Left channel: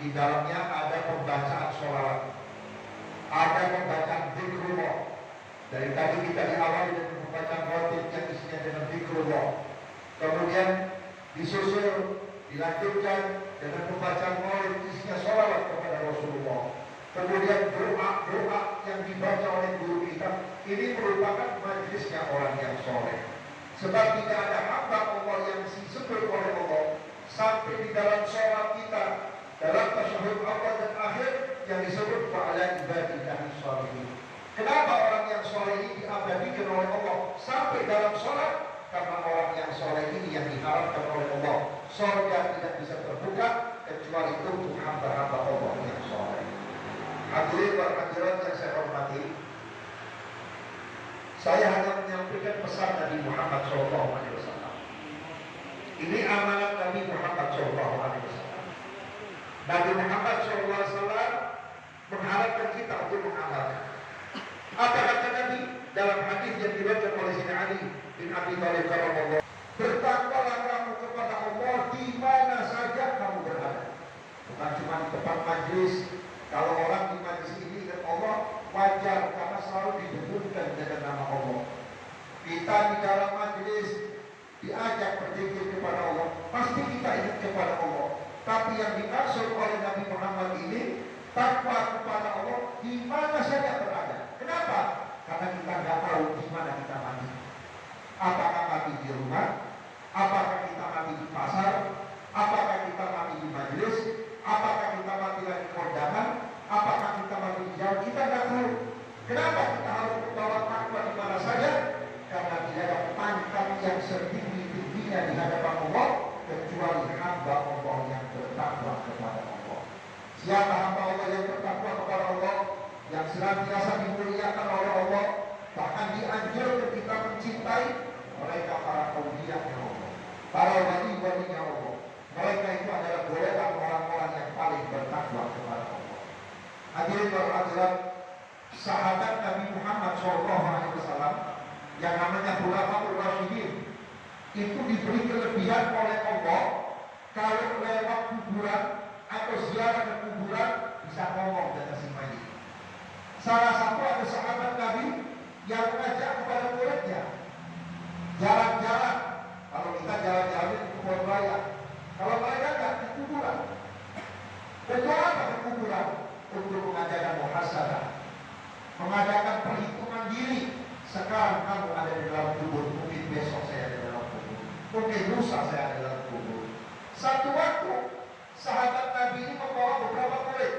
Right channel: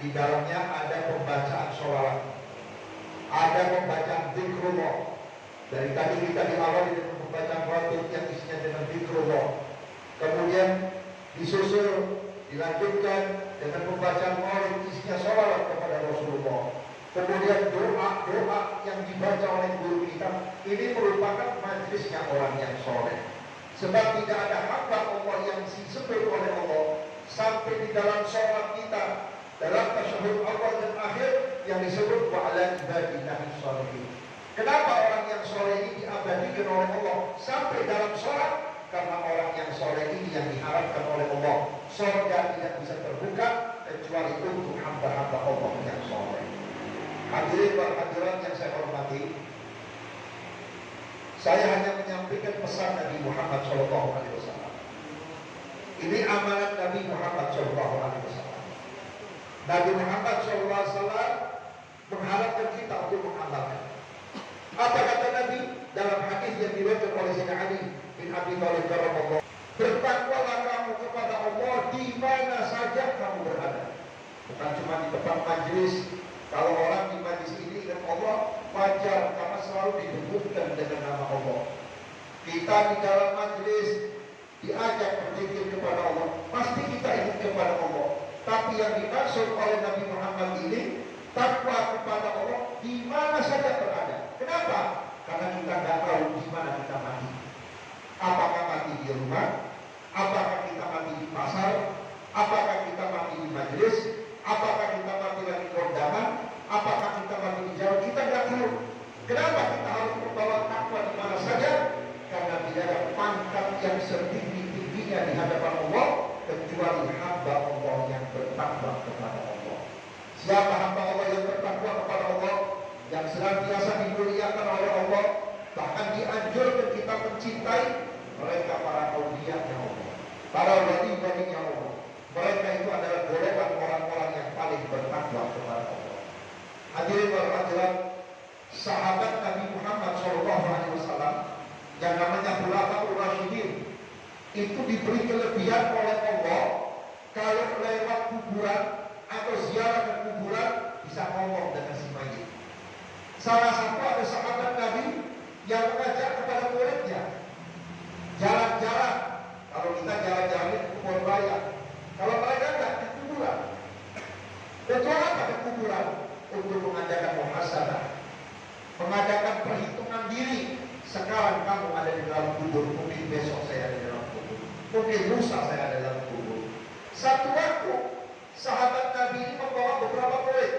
di dalamnya ada pembacaan sholawat, ada pembacaan zikrullah. Dari tadi kita diawali dengan pembacaan khatib yang isinya dengan zikrullah, kemudian disusul dilanjutkan dengan pembacaan maulid isinya sholawat kepada Rasulullah, kemudian doa yang dibaca oleh guru kita. Ini merupakan majelisnya orang yang soleh, sebab tidak ada hamba Allah yang disebut oleh Allah sampai di dalam sholat kita, dalam tasyahud awal dan akhir yang disebut wa ala ibadillahi sholihin. Kenapa orang yang soleh ini diabadikan oleh Allah sampai dalam sholat? Karena orang yang soleh ini yang diharapkan oleh Allah, surga tidak bisa terbuka kecuali untuk hamba-hamba Allah yang soleh. Hadirin wa hadirat yang saya hormati, saya hanya menyampaikan pesan Nabi Muhammad SAW. Ini amanat Nabi Muhammad SAW. Nabi Muhammad SAW mengharapkan kita untuk mengamalkan. Apa kata Nabi dalam hadis yang diriwayatkan oleh Sayyidina Ali bin Abi Thalib radhiyallahu anhu? Bertakwalah kamu kepada Allah di mana saja kamu berada. Bukan cuma di tempat majlis. Kalau orang di majlis ini ingat Allah, wajar karena selalu didebutkan dengan nama Allah. Kita di dalam majlis diajak berzikir kepada Allah, pasti kita ingat kepada Allah. Tapi yang dimaksud oleh Nabi Muhammad ini takwa kepada Allah di mana saja berada. Kenapa? Karena kita tidak tahu di mana kita mati. Apakah mati di rumah? Apakah kita mati di pasar? Apakah kita mati di majelis? Apakah kita mati lagi kondangan? Apakah kita mati di jauh? Kita tidak tahu. Kenapa kita harus membawa takwa di mana saja? Karena tidak ada pangkat yang setinggi-tingginya di hadapan Allah kecuali hamba Allah yang bertakwa kepada Allah. Siapa hamba Allah yang bertakwa kepada Allah, yang senantiasa dimuliakan oleh Allah, bahkan dianjurkan kita mencintai mereka, para auliya-Nya Allah, para wali-walinya Allah. Mereka itu adalah golongan orang-orang yang paling bertakwa kepada Allah. Hadirin wal hadirat, sahabat Nabi Muhammad SAW yang namanya Khulafaur Rasyidin itu diberi kelebihan oleh Allah. Kalau lewat kuburan atau ziarah ke kuburan bisa ngomong dengan si mayit. Salah satu ada sahabat Nabi yang mengajak kepada muridnya jalan-jalan. Kalau kita jalan-jalan ke kubur raya, kalau mereka tidak ke kuburan. Tujuan apa ke kuburan? Untuk mengadakan muhasabah, mengadakan perhitungan diri. Sekarang kamu ada di dalam kubur, mungkin besok saya ada di dalam kubur, mungkin lusa saya ada di dalam kubur. Satu waktu sahabat Nabi ini membawa beberapa murid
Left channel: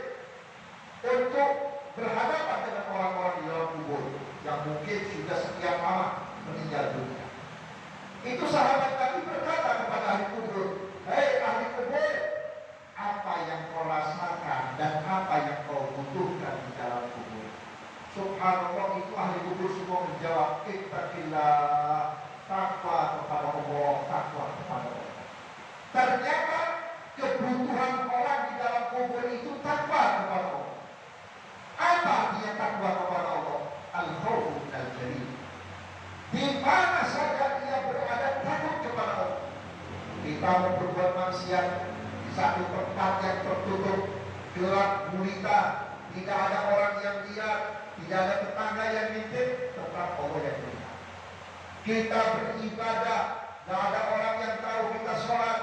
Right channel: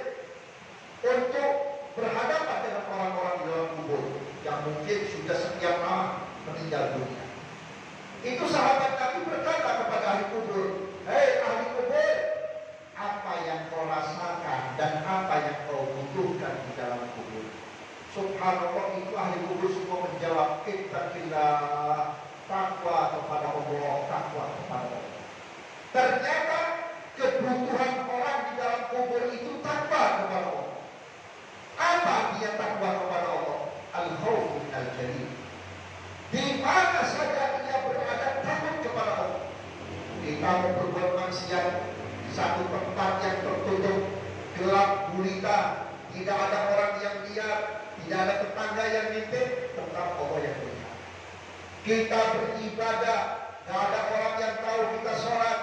untuk berhadapan dengan orang-orang di dalam kubur yang mungkin sudah sekian lama meninggal dunia. Itu sahabat Nabi berkata kepada ahli kubur, "Hei ahli kubur, apa yang kau rasakan dan apa yang kau butuhkan di dalam kubur?" Subhanallah, itu ahli kubur semua menjawab, "Ittaqillah," takwa kepada Allah, takwa kepada Allah. Ternyata kebutuhan orang di dalam kubur itu takwa kepada Allah. Apa dia takwa kepada Allah? Al-khawfu minal jalil. Di mana saja dia berada takut kepada Allah. Kita mau berbuat maksiat di satu tempat yang tertutup, gelap gulita, tidak ada orang yang lihat, tidak ada tetangga yang ngintip, tetap Allah yang melihat. Kita beribadah, tidak ada orang yang tahu kita sholat,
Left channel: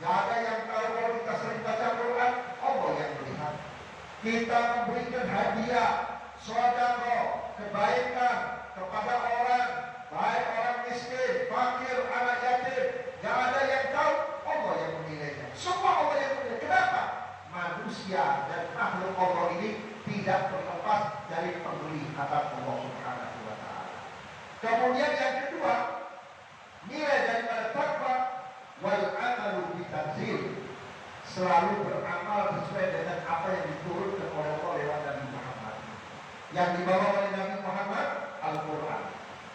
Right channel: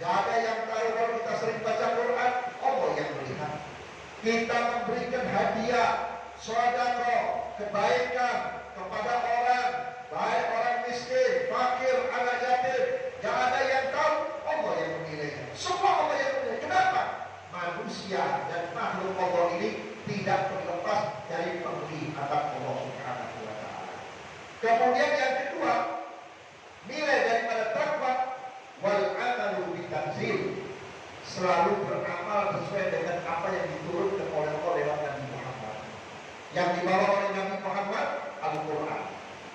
tidak ada yang tahu kalau kita sering baca Quran, Allah yang melihat. Kita memberikan hadiah, sedekah, kebaikan kepada orang, baik orang miskin, fakir, anak yatim, tidak ada yang tahu, Allah yang menilainya. Semua Allah yang menilai. Kenapa? Manusia dan makhluk Allah ini tidak terlepas dari penglihatan Allah Subhanahu wa ta'ala. Kemudian yang kedua, nilai daripada takwa, wal amalu bitanzil, selalu beramal sesuai dengan apa yang diturunkan oleh Allah lewat Nabi Muhammad. Yang dibawa oleh Nabi Muhammad Al-Quran.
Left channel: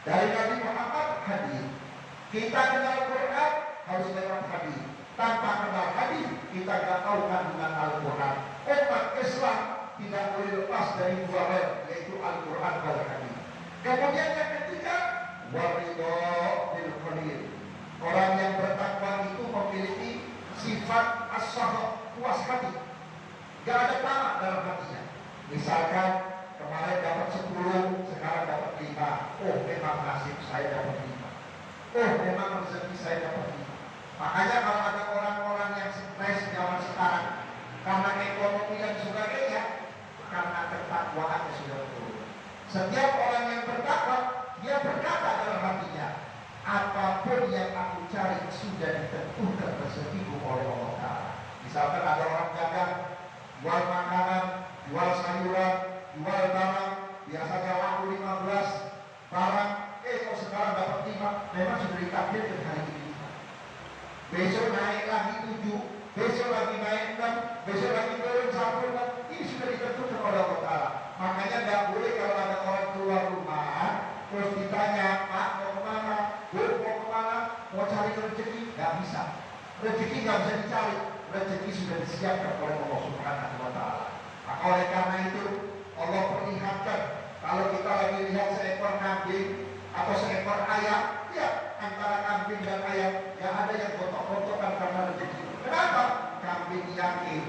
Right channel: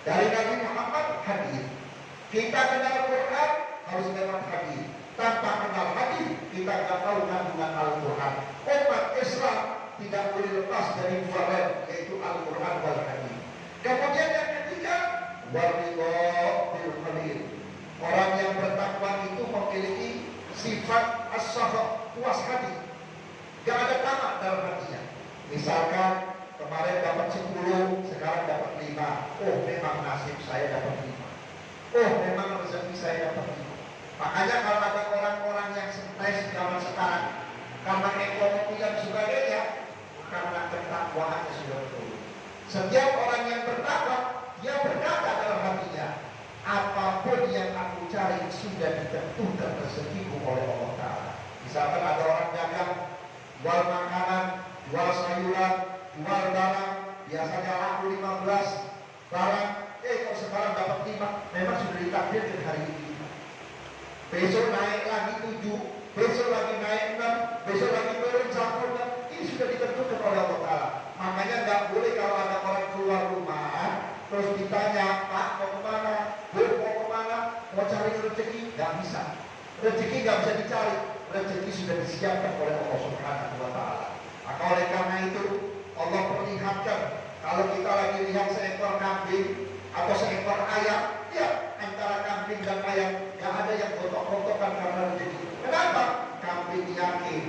Dari Nabi Muhammad hadis. Kita kenal Quran harus kenal hadis. Tanpa kenal hadis kita tidak tahu kandungan Al-Quran. Umat Islam tidak boleh lepas dari dua hal, yaitu Al-Quran dan hadis. Kemudian yang ketiga, waridho bil qadir. Orang yang bertakwa itu memiliki sifat as-sakhah, puas hati. Gak ada tamak dalam hatinya. Misalkan kemarin dapat 10, sekarang dapat 5. Oh, memang nasib saya dapat 5. Oh, memang rezeki saya dapat 5. Makanya kalau ada orang-orang yang stres zaman sekarang karena ekonomi dan sebagainya, karena ketakwaannya sudah turun. Setiap orang yang bertakwa, dia berkata dalam hatinya, apapun yang aku cari sudah ditentukan rezekiku oleh Allah Ta'ala. Misalkan ada orang dagang, jual makanan, jual sayuran, jual barang, biasanya laku 15 barang, kalau sekarang dapat 5, memang sudah ditakdirkan hari ini. Besok naik lagi 7, besok lagi naik 6, besok lagi turun 1, ini sudah ditentukan oleh Allah Ta'ala. Makanya nggak boleh kalau ada orang keluar rumah terus ditanya, Pak mau kemana, Bu mau kemana, mau cari rezeki, nggak bisa. Rezeki nggak bisa dicari, rezeki sudah disiapkan oleh Allah Subhanahu Wa Ta'ala. Maka oleh karena itu Allah perlihatkan, kalau kita lagi lihat seekor kambing atau seekor ayam, ya antara kambing dan ayam nggak ada yang gontok-gontokan karena rezeki. Kenapa? Kambing yakin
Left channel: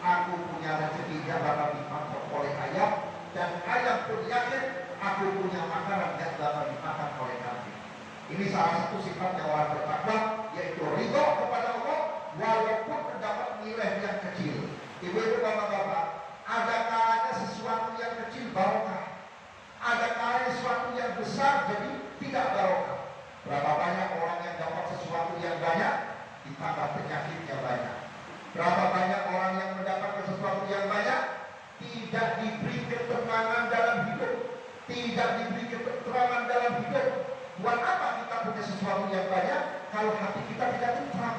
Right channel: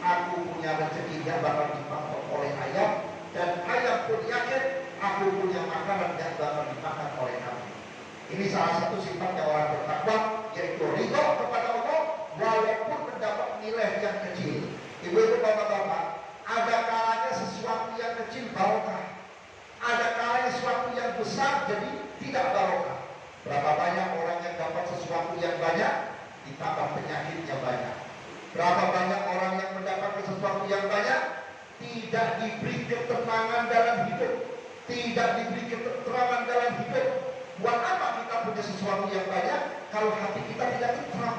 aku punya rezeki yang bakal dimakan oleh ayam, dan ayam pun yakin aku punya makanan yang bakal dimakan oleh kambing. Ini salah satu sifatnya orang bertakwa, yaitu ridho kepada Allah walaupun mendapat nilai yang kecil. Ibu-ibu, bapak-bapak, ada kalanya sesuatu yang kecil barokah, ada kalanya sesuatu yang besar jadi tidak barokah. Berapa banyak orang yang dapat sesuatu yang banyak ditambah penyakitnya banyak. Berapa banyak orang yang mendapatkan sesuatu yang banyak tidak diberi ketenangan dalam hidup, tidak diberi ketenangan dalam hidup. Buat apa kita punya sesuatu yang banyak kalau hati kita tidak tenang,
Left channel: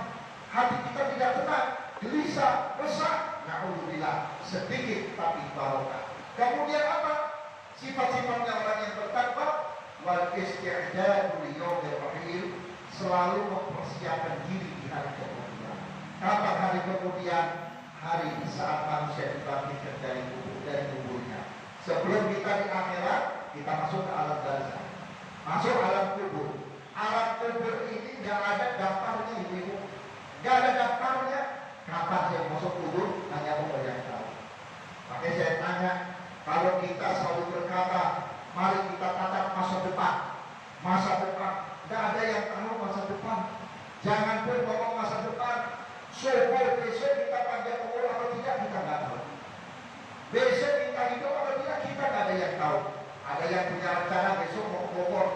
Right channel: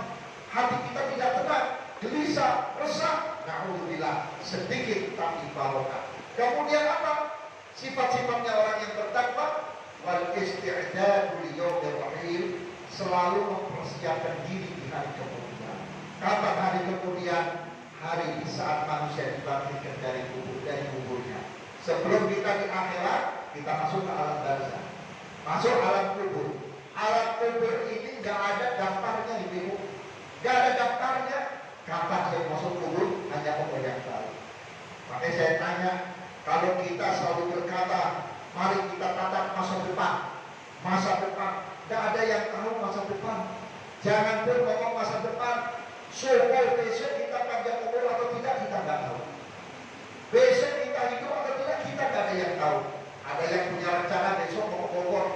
hati kita tidak tenang, gelisah, resah? Na'udzubillah, sedikit tapi barokah. Kemudian apa? Sifat-sifatnya orang yang bertakwa, wal isti'dadu liyaumil akhir, selalu mempersiapkan diri di hari kemudian. Kapan hari kemudian? Hari di saat manusia dibangkitkan dari kuburnya. Sebelum kita di akhirat, kita masuk ke alam barzakh, masuk alam kubur. Alam kubur ini nggak ada daftarnya, ibu, nggak ada daftarnya. Kapan saya masuk kubur, hanya Allah yang tahu. Makanya saya tanya, kalau kita selalu berkata, mari kita tatap masa depan, nggak ada yang tahu masa depan. Jangan pun ngomong masa depan. Subuh besok kita panjang umur atau tidak, kita nggak tahu. Besok kita hidup atau tidak, kita nggak ada yang tahu. Ada yang punya rencana besok mau ke Bogor,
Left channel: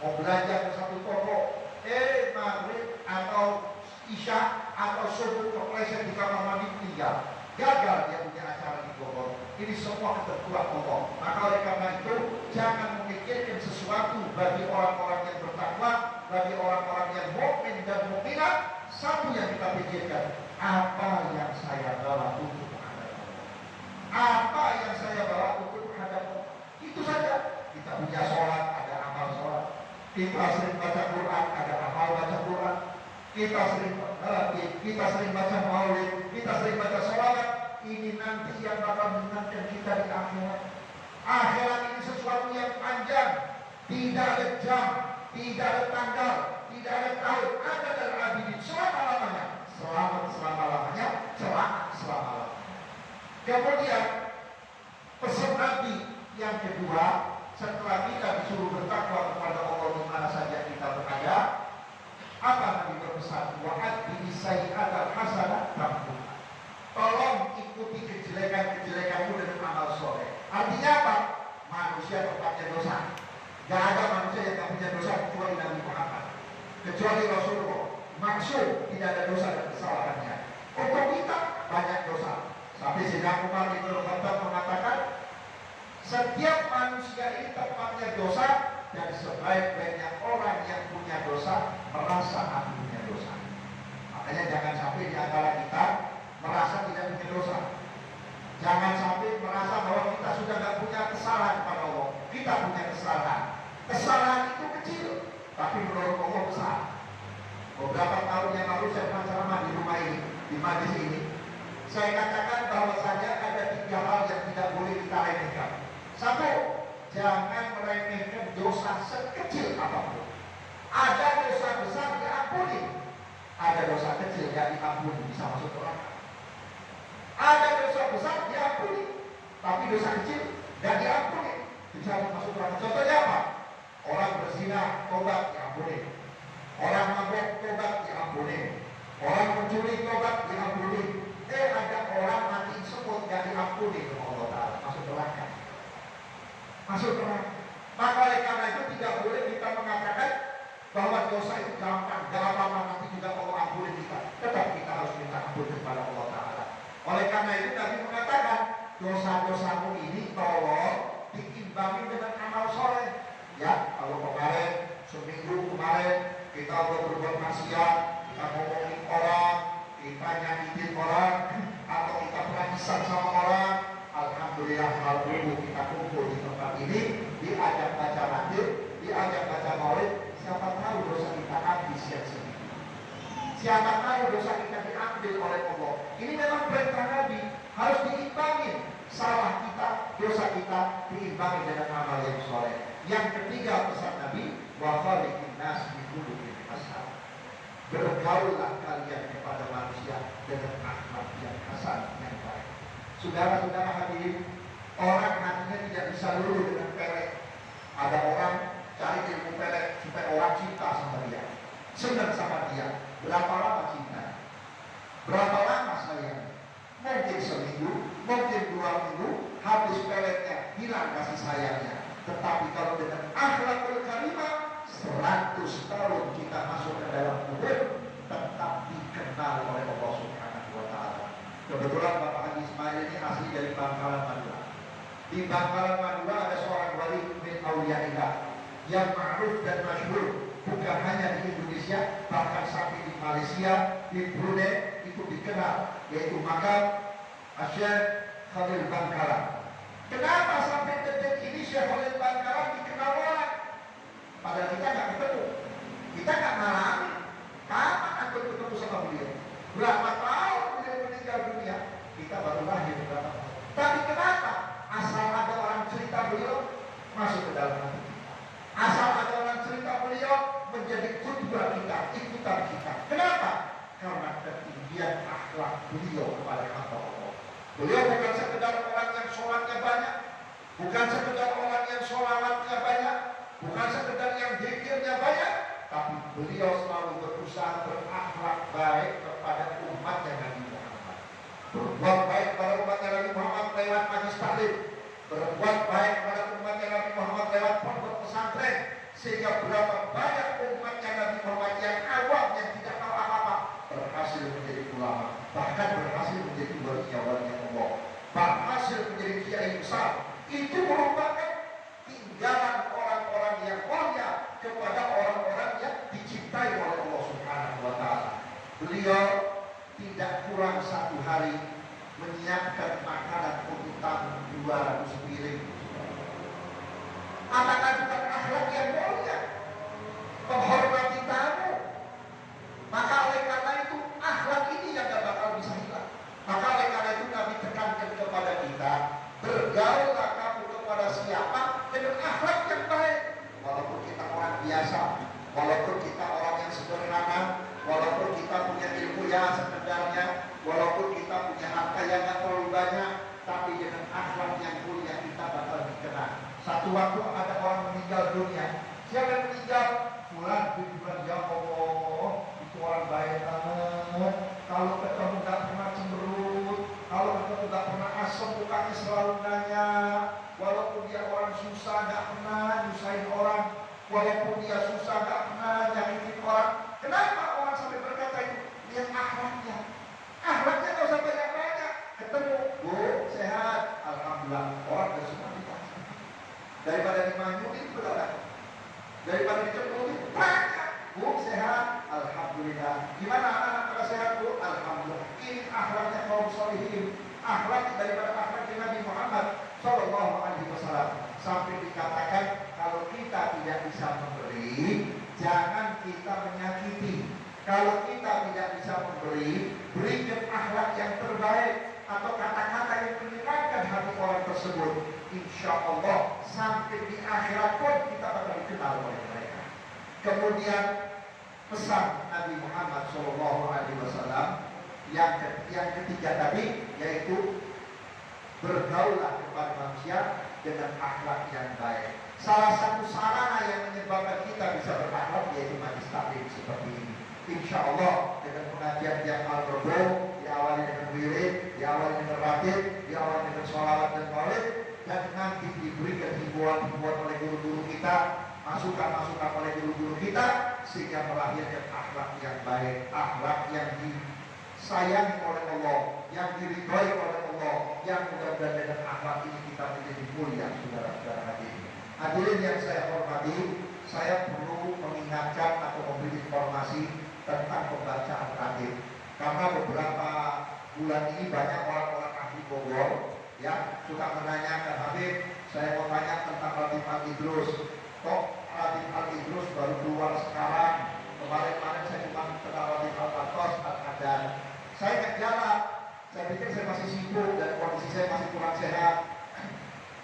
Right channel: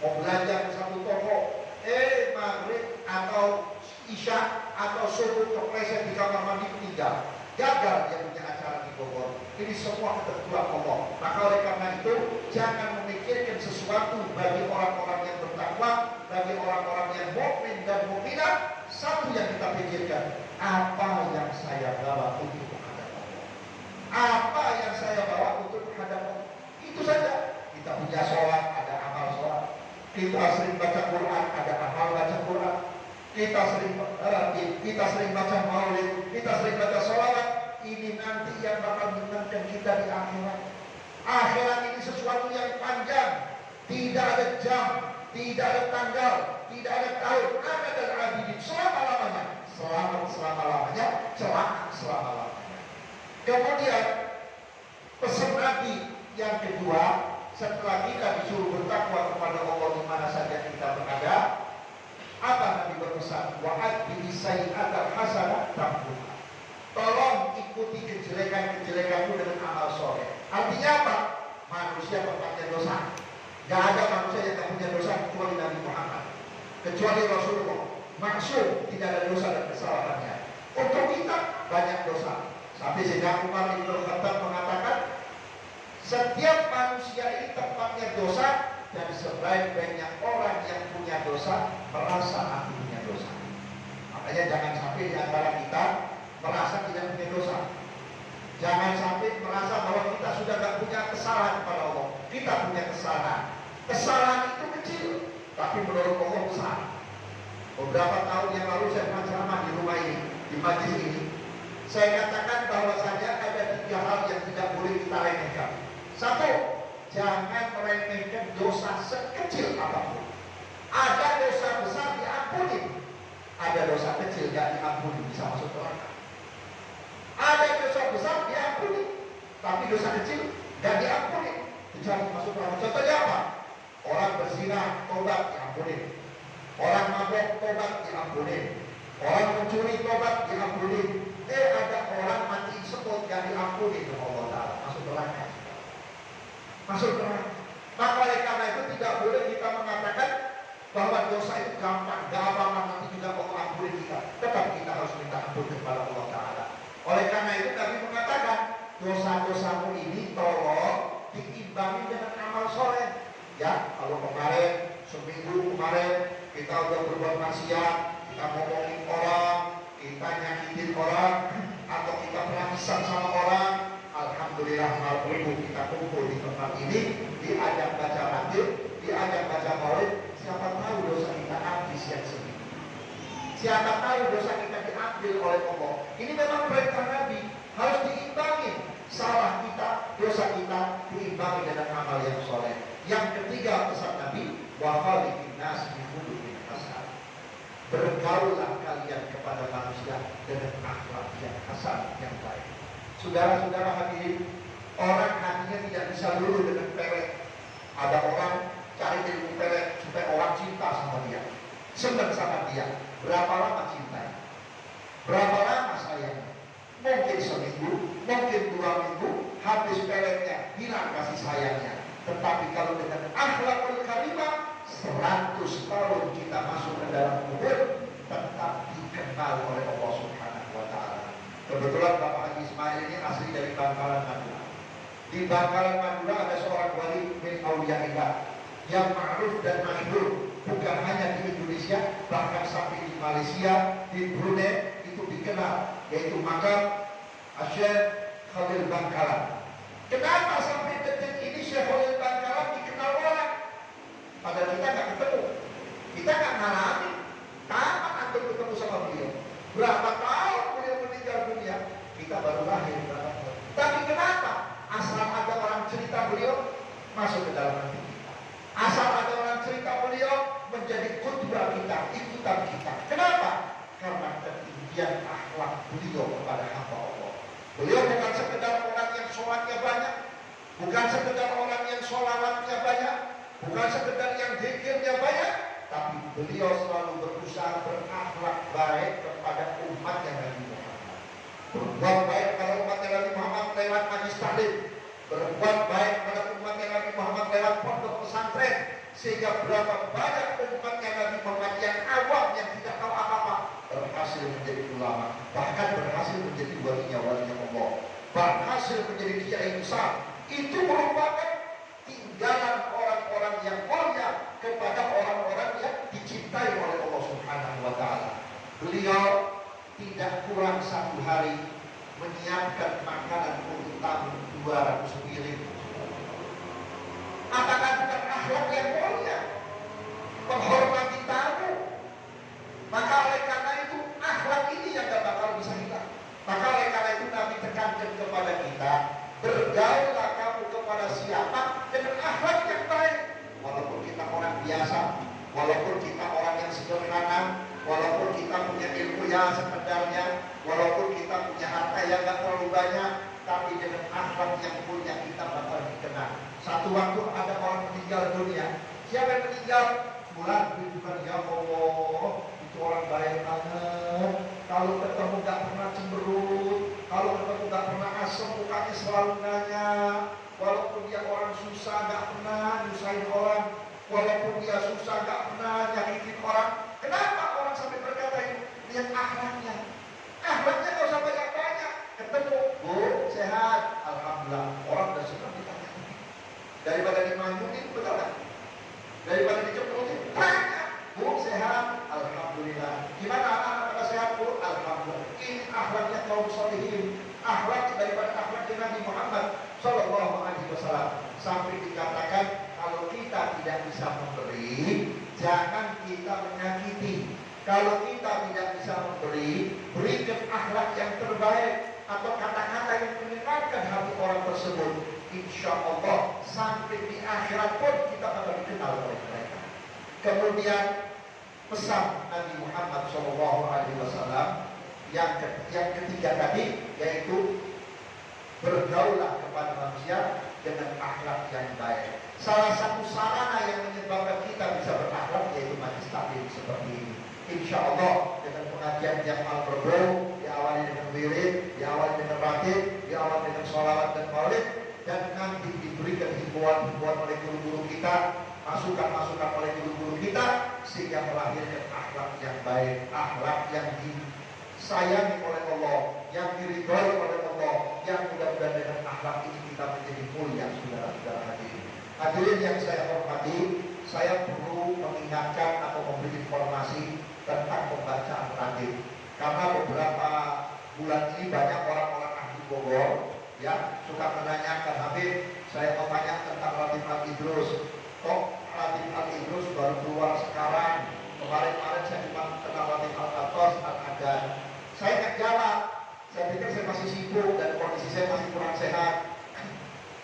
mau belanja ke satu toko, maghrib atau isya atau subuh kepleset di kamar mandi tinggal. Gagal dia punya acara di Bogor. Ini semua ketentuan Allah. Maka oleh karena itu, jangan memikirkan sesuatu bagi orang-orang yang bertakwa, bagi orang-orang yang mukmin dan mukminat. Satu yang kita pikirkan, apa yang saya bawa untuk menghadap Allah? Apa yang saya bawa untuk menghadap Allah? Itu saja. Kita punya sholat, ada amal sholat. Kita sering baca Quran, ada amal baca Quran. Kita sering baca maulid, kita sering baca sholawat. Ini nanti yang bakal menentukan kita di akhirat. Akhirat ini sesuatu yang panjang, tidak ada jam, tidak ada tanggal, tidak ada tahun, ada dan abidin selama-lamanya. Selamat selama-lamanya, celaka selama-lamanya. Kemudian pesan Nabi yang kedua, setelah kita disuruh bertakwa kepada Allah di mana saja kita berada, apa Nabi berpesan? Wa'ad bi'isai'atal hasanah tambuha. Tolong ikuti kejelekan-kejelekanmu dengan amal soleh. Artinya apa? Manusia tempatnya dosa. Gak ada manusia yang gak punya dosa kecuali Nabi Muhammad, kecuali Rasulullah. Maksud tidak ada dosa dan kesalahannya. Untuk kita banyak dosa. Sampai Sayyidina Umar bin Khattab mengatakan, setiap manusia ini tempatnya dosa, dan sebaik-baiknya orang yang punya dosa merasa aku punya dosa. Makanya jangan sampai di antara kita merasa tidak punya dosa. Jangan sampai merasa bahwa kita sudah tidak punya kesalahan kepada Allah. Kita punya kesalahan. Kesalahan itu kecil, tapi menurut Allah besar. Beberapa tahun yang lalu saya pernah ceramah di rumah ini, di majlis ini. Saya katakan bahwasanya ada 3 hal yang tidak boleh kita remehkan. Satu, jangan meremehkan dosa sekecil apapun. Ada dosa besar diampuni, ada dosa kecil gak diampuni, bisa masuk neraka. Ada dosa tapi dosa kecil gak diampuni, kecuali masuk neraka. Contohnya apa? Orang berzina, tobat, diampuni. Orang mabuk, tobat, diampuni. Orang mencuri, tobat, diampuni. Ada orang mati semut, gak diampuni oleh Allah Ta'ala, masuk neraka. Masuk neraka. Maka oleh karena itu tidak boleh kita mengatakan bahwa dosa itu gampang, gak apa-apa nanti juga Allah ampuni kita. Tetap kita harus minta ampun kepada Allah Ta'ala. Oleh karena itu Nabi mengatakan, dosa-dosamu ini tolong diimbangi dengan amal soleh. Ya, kalau kemarin, seminggu kemarin kita udah berbuat maksiat, kita ngomongin orang, kita nyakitin orang, atau kita pernah pesan sama orang, alhamdulillah malam kita kumpul di tempat ini, diajak baca hadis, diajak baca maulid. Siapa tahu dosa kita habis yang sedikit. Siapa tahu dosa kita diambil oleh Allah. Ini memang perintah Nabi, harus diimbangi. Salah kita, dosa kita diimbangi dengan amal yang soleh. Yang ketiga pesan Nabi, wa khaliqin nas bi khuluqin hasan. Bergaullah kalian kepada manusia dengan akhlak yang hasan, yang baik. Saudara-saudara hadirin, orang hatinya tidak bisa luluh dengan pelet. Ada orang cari ilmu pelet supaya orang cinta sama dia, senang sama dia. Berapa lama cinta? Berapa lama sayang? Mungkin seminggu, mungkin 2 minggu, habis peletnya, hilang kasih sayangnya. Tetapi kalau dengan akhlakul karimah, 100 tahun kita masuk ke dalam kubur, tetap dikenal oleh Allah Subhanahu wa Ta'ala. Kebetulan Bapak Haji Ismail ini asli dari Bangkalan Madura. Di Bangkalan Madura ada seorang wali min auliyaillah yang ma'ruf dan masyhur, bukan hanya di Indonesia, bahkan sampai di Malaysia, di Brunei itu dikenal, yaitu makam Syekh Khalil Bangkalan. Kenapa sampai detik ini Syekh Khalil Bangkalan dikenal orang? Padahal kita nggak ketemu, kita nggak ngalamin. Kapan antum ketemu sama beliau? Berapa tahun beliau meninggal dunia? Kita baru lahir berapa tahun. Tapi kenapa? Asal ada orang cerita beliau masuk ke dalam hati kita. Asal ada orang cerita beliau menjadi qudwah kita, ikutan kita. Kenapa? Karena ketinggian akhlak beliau kepada hamba Allah. Beliau bukan sekedar orang yang sholatnya banyak, bukan sekedar orang yang sholawatnya banyak, bukan sekedar yang zikirnya banyak, tapi beliau selalu berusaha berakhlak baik kepada umatnya Nabi Muhammad. Berbuat baik pada umatnya Nabi Muhammad lewat majlis taklim, berbuat baik pada umatnya Nabi Muhammad lewat pondok pesantren, sehingga berapa banyak umatnya Nabi Muhammad yang awam, yang tidak tahu apa-apa, berhasil menjadi ulama, bahkan berhasil menjadi walinya Allah, berhasil menjadi kiai besar. Itu merupakan tinggalan orang-orang yang mulia kepada orang-orang yang dicintai oleh Allah Subhanahu wa Ta'ala. Beliau tidak kurang 1 hari menyiapkan makanan untuk tamu 200 piring. Apakah bukan akhlak yang mulia? Menghormati tamu. Maka oleh karena itu akhlak ini yang gak bakal bisa hilang. Maka oleh karena itu Nabi tekankan kepada kita, bergaullah kamu kepada siapa dengan akhlak yang baik. Walaupun kita orang biasa, walaupun kita orang yang sederhana, walaupun kita punya ilmu yang sekedarnya, walaupun kita punya harta yang gak terlalu banyak, tapi dengan akhlak yang mulia kita bakal dikenal. Satu waktu ada orang meninggal dunia. Siapa yang meninggal? Fulan bin Fulan. Ya Allah, itu orang baik banget. Kalau ketemu gak pernah cemberut, kalau ketemu gak pernah asem, mukanya selalu nanya. Walaupun dia orang susah gak pernah nyusahin orang, walaupun dia susah gak pernah nyakitin orang. Kenapa orang sampai berkata itu? Lihat akhlaknya. Akhlaknya gak usah banyak-banyak. Ketemu, Bu, sehat, alhamdulillah. Orang udah senang ditanya. Daripada dimanyunin, betul gak? Daripada dicemburutin, tanya. Bu, sehat, alhamdulillah. Gimana anak-anak pada sehat, Bu? Alhamdulillah. Ini akhlaknya kaum sholihin. Akhlak daripada akhlaknya Nabi Muhammad Sallallahu Alaihi Wasallam. Sampai dikatakan kalau kita tidak bisa memberi, jangan kita menyakiti. Kalau kita tidak bisa memberi, berikan akhlak yang terbaik atau kata-kata yang menyenangkan hati orang tersebut. Insya Allah sampai di akhirat pun kita akan dikenal oleh mereka. Kemudian pesan Nabi Muhammad SAW yang ketiga tadi, yaitu Bergaullah kepada manusia dengan akhlak yang baik. Salah satu sarana yang menyebabkan kita bisa berakhlak yaitu majlis taklim seperti ini. Insya Allah dengan pengajian tiap malam Rabu, diawali dengan wirid, diawali dengan ratib, diawali dengan sholawat dan maulid, dan nanti diberikan himbauan-himbauan oleh guru-guru kita, masukan-masukan oleh guru-guru kita, sehingga melahirkan akhlak yang baik, akhlak yang disayangi oleh Allah, yang diridhoi oleh Allah, yang mudah-mudahan dengan akhlak ini kita menjadi mulia, saudara-saudara hadirin. Hadirin yang saya hormati, saya perlu mengingatkan atau memberi informasi tentang pembacaan taklim. Karena beberapa bulan ini banyak orang-orang ahli Bogor ya suka menanyakan, Habib, saya mau tanya tentang Ratib Al-Idrus. Kok Ratib Al-Idrus baru keluar sekarang? Kemarin-kemarin saya cuma kenal Ratib Al-Qatos, Al-Adan. Saya nggak jalan. Saya pikir saya masih sibuk dan kondisi saya masih kurang sehat.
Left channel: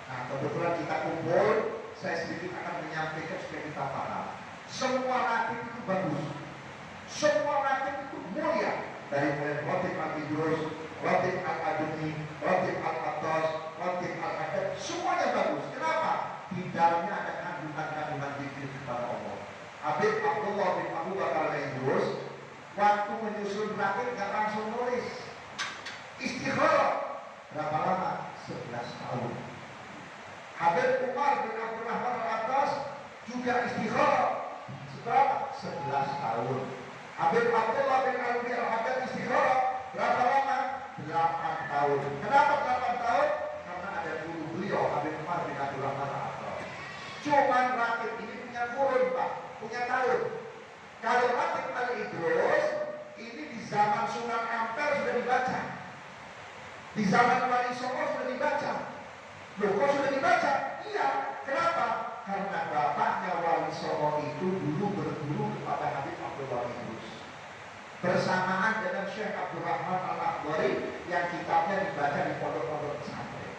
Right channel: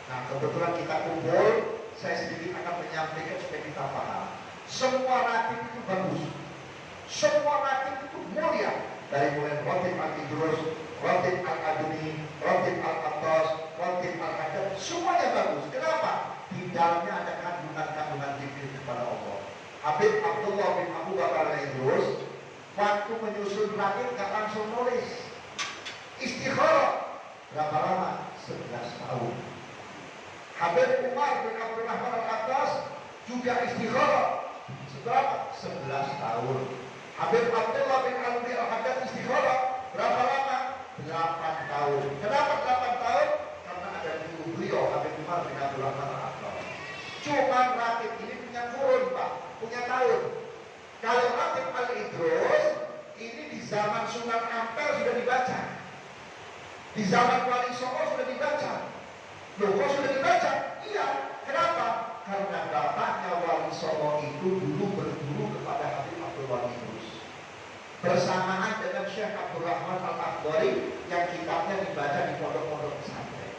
Nah, kebetulan kita kumpul, saya sedikit akan menyampaikan supaya kita paham. Semua ratib itu bagus. Semua ratib itu mulia. Dari mulai Ratib Al-Idrus, Ratib Al-Aduni, Ratib Al-Qatos, Ratib Al-Haddad, semuanya bagus. Kenapa? Di dalamnya ada kandungan-kandungan zikir kepada Allah. Habib Abdullah bin Abu Bakar Al-Idrus waktu menyusun ratib nggak langsung nulis. Istikharah. Berapa lama? 11 tahun. Habib Umar bin Abdurrahman Al-Atas juga istikharah. Seberapa? 11 tahun. Habib Abdullah bin Alwi Al-Haddad istikharah. Berapa lama? 8 tahun. Kenapa 8 tahun? Karena ada guru beliau, Habib Umar bin Abdurrahman Al-Atas. Cuma ratib ini punya kurun, Pak, punya tahun. Kalau Ratib Al-Idrus ini di zaman Sunan Ampel sudah dibaca. Di zaman Wali Songo sudah dibaca. Loh, kok sudah dibaca? Iya. Kenapa? Karena bapaknya Wali Songo itu dulu berguru kepada Habib Abdullah Idrus. Bersamaan dengan Syekh Abdurrahman Al-Akhdari yang kitabnya dibaca di pondok-pondok pesantren.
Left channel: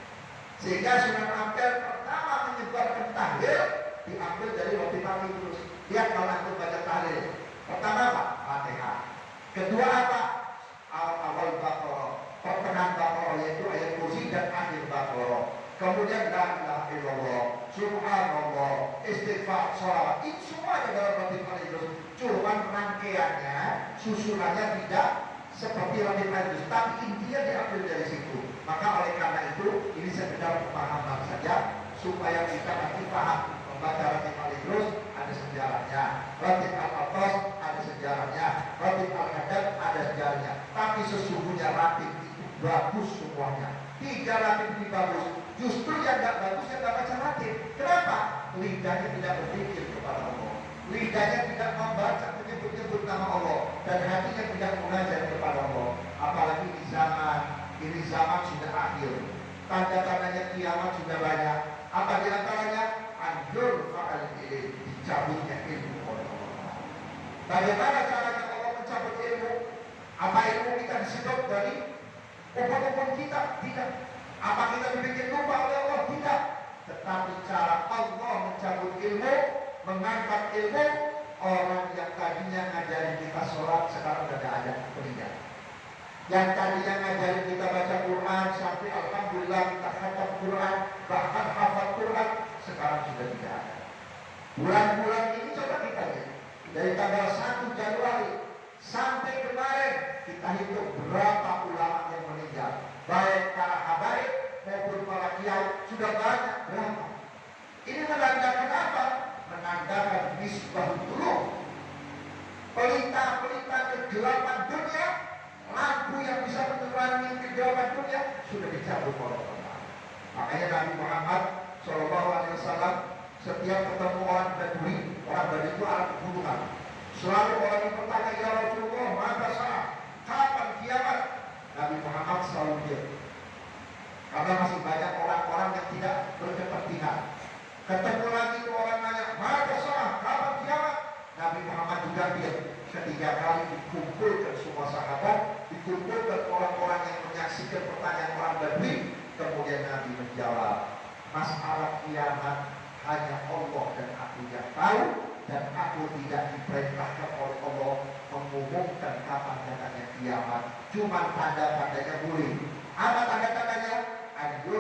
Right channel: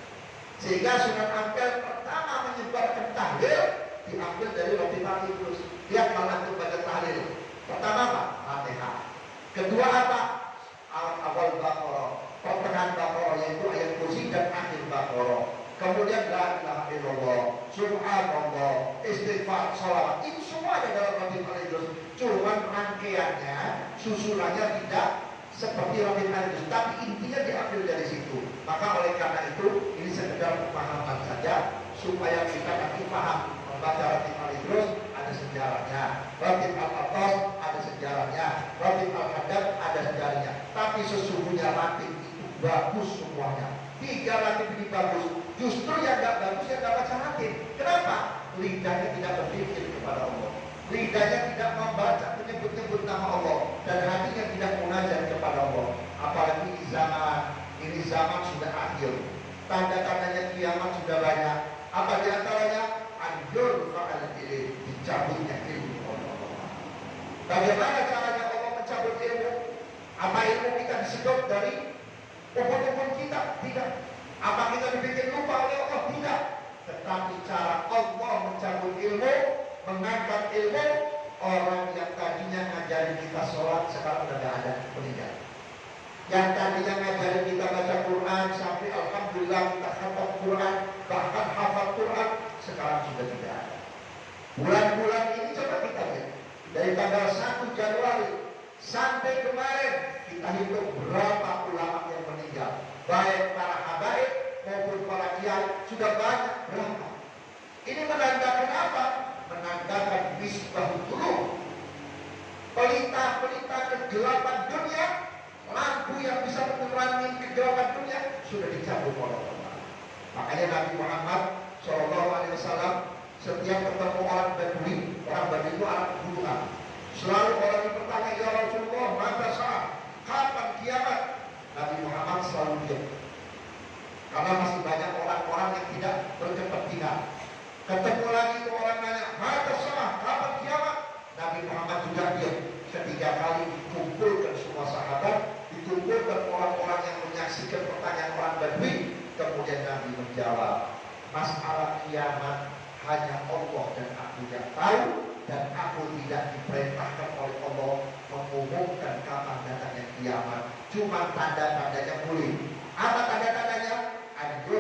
Sehingga Sunan Ampel pertama menyebarkan tahlil diambil dari Ratib Al-Idrus. Dia kalau antum baca tahlil, pertama apa? Fatihah. Kedua apa? Awal Baqarah, pertengahan Baqarah yaitu ayat kursi dan akhir Baqarah. Kemudian la ilaha illallah, subhanallah, istighfar, sholawat. Ini semua ada dalam Ratib Al-Idrus. Cuman rangkaiannya, susunannya tidak seperti Ratib Al-Idrus, tapi intinya diambil dari situ. Maka oleh karena itu, ini sekedar pemahaman saja supaya kita nanti paham. Membaca Ratib Al-Idrus ada sejarahnya, Ratib Al-Qatos ada sejarahnya, Ratib Al-Haddad ada sejarahnya. Tapi sesungguhnya ratib itu bagus semuanya. 3 ratib ini bagus. Justru yang gak bagus yang gak baca ratib. Kenapa? Lidahnya tidak berpikir kepada Allah, lidahnya tidak membaca menyebut-nyebut nama Allah, dan hatinya tidak munajat kepada Allah. Apalagi di zaman ini, zaman sudah akhir, tanda-tandanya kiamat sudah banyak. Apa di antaranya? Anjur fa'al ilm, dicabutnya ilmu oleh Allah. Bagaimana caranya Allah mencabut ilmu? Apa ilmu kita disedot dari ubun-ubun kita? Tidak. Apa kita dibikin lupa oleh Allah? Tidak. Tetapi cara Allah mencabut ilmu, mengangkat ilmu, orang yang tadinya ngajarin kita sholat sekarang udah gak ada, meninggal. Yang tadinya ngajarin kita baca Quran sampai alhamdulillah kita khatam Quran, bahkan hafal Quran, sekarang sudah tidak ada. Bulan-bulan ini coba kita lihat, dari tanggal 1 Januari sampai kemarin kita hitung berapa ulama yang meninggal, baik para habaib maupun para kiai, sudah banyak berapa. Ini menandakan apa? Menandakan misbahul qulub, pelita-pelita kegelapan dunia, lampu yang bisa menerangi kegelapan dunia sudah dicabut oleh Allah. Makanya Nabi Muhammad SAW setiap ketemu orang Badui, orang Badui itu anak pegunungan, selalu orang yang bertanya, ya Rasulullah, mata saat, kapan kiamat? Nabi Muhammad selalu diam, karena masih banyak orang-orang yang tidak berkepentingan. Ketemu lagi itu orang nanya, mata saat, kapan kiamat? Nabi Muhammad juga diam. 3 kali dikumpulkan semua sahabat, dikumpulkan orang-orang yang menyaksikan pertanyaan orang Badui. Kemudian Nabi menjawab, masalah kiamat hanya Allah dan aku yang tahu, dan aku tidak diperintahkan oleh Allah mengumumkan kapan datangnya kiamat. Cuma tanda-tandanya boleh. Apa tanda-tandanya? Anjur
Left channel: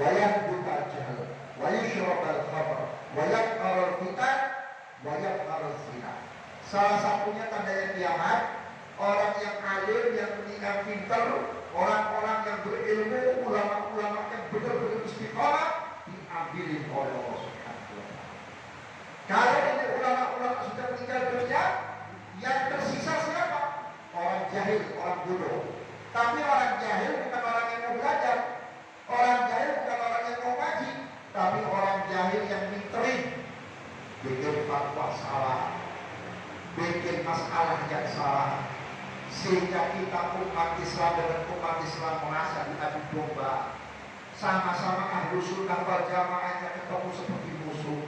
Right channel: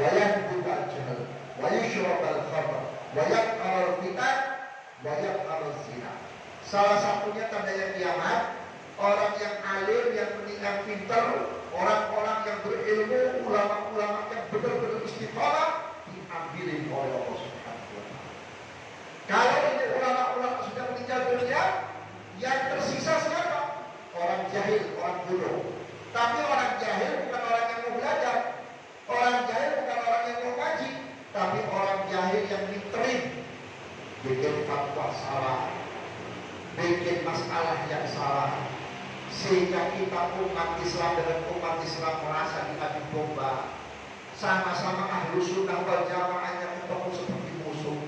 wa yahdukal jahl, wa yushrabal khamr, wa yaqaral fitan, wa yaqaral zina. Salah satunya tandanya kiamat, orang yang alim, yang menikah pintar, orang-orang yang berilmu, ulama-ulama yang benar-benar istiqomah diambilin oleh Allah Subhanahu wa Ta'ala. Kalau ini ulama-ulama sudah meninggal dunia, yang tersisa siapa? Orang jahil, orang bodoh. Tapi orang jahil bukan orang yang mau belajar, orang jahil bukan orang yang mau ngaji, tapi orang jahil yang ngiterin, bikin fatwa salah, bikin masalah yang salah, sehingga kita umat Islam dengan umat Islam merasa diadu domba. Sama-sama ahlu sunnah wal jamaahnya ketemu seperti musuh.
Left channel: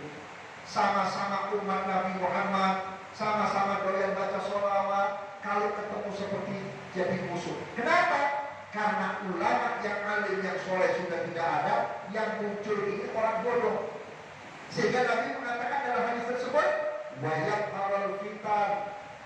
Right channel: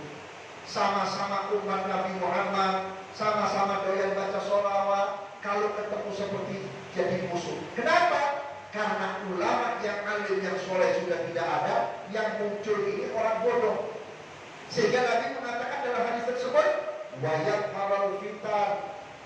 Sama-sama umat Nabi Muhammad, sama-sama doyan baca sholawat, kalau ketemu seperti jadi musuh. Kenapa? Karena ulama yang alim, yang soleh sudah tidak ada, yang muncul ini orang bodoh. Sehingga Nabi mengatakan dalam hadis tersebut, wayat haral fitan,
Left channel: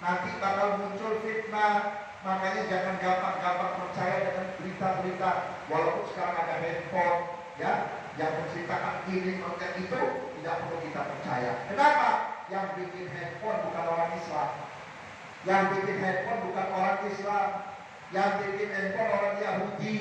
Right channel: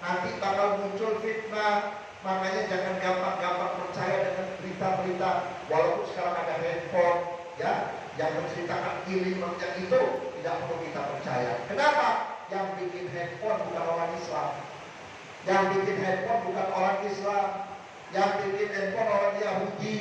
nanti bakal muncul fitnah. Makanya jangan gampang-gampang percaya dengan berita-berita. Walaupun sekarang ada handphone, ya, yang menceritakan ini yang itu, tidak perlu kita percaya. Kenapa? Yang bikin handphone bukan orang Islam, yang bikin handphone bukan orang Islam, yang bikin handphone orang Yahudi,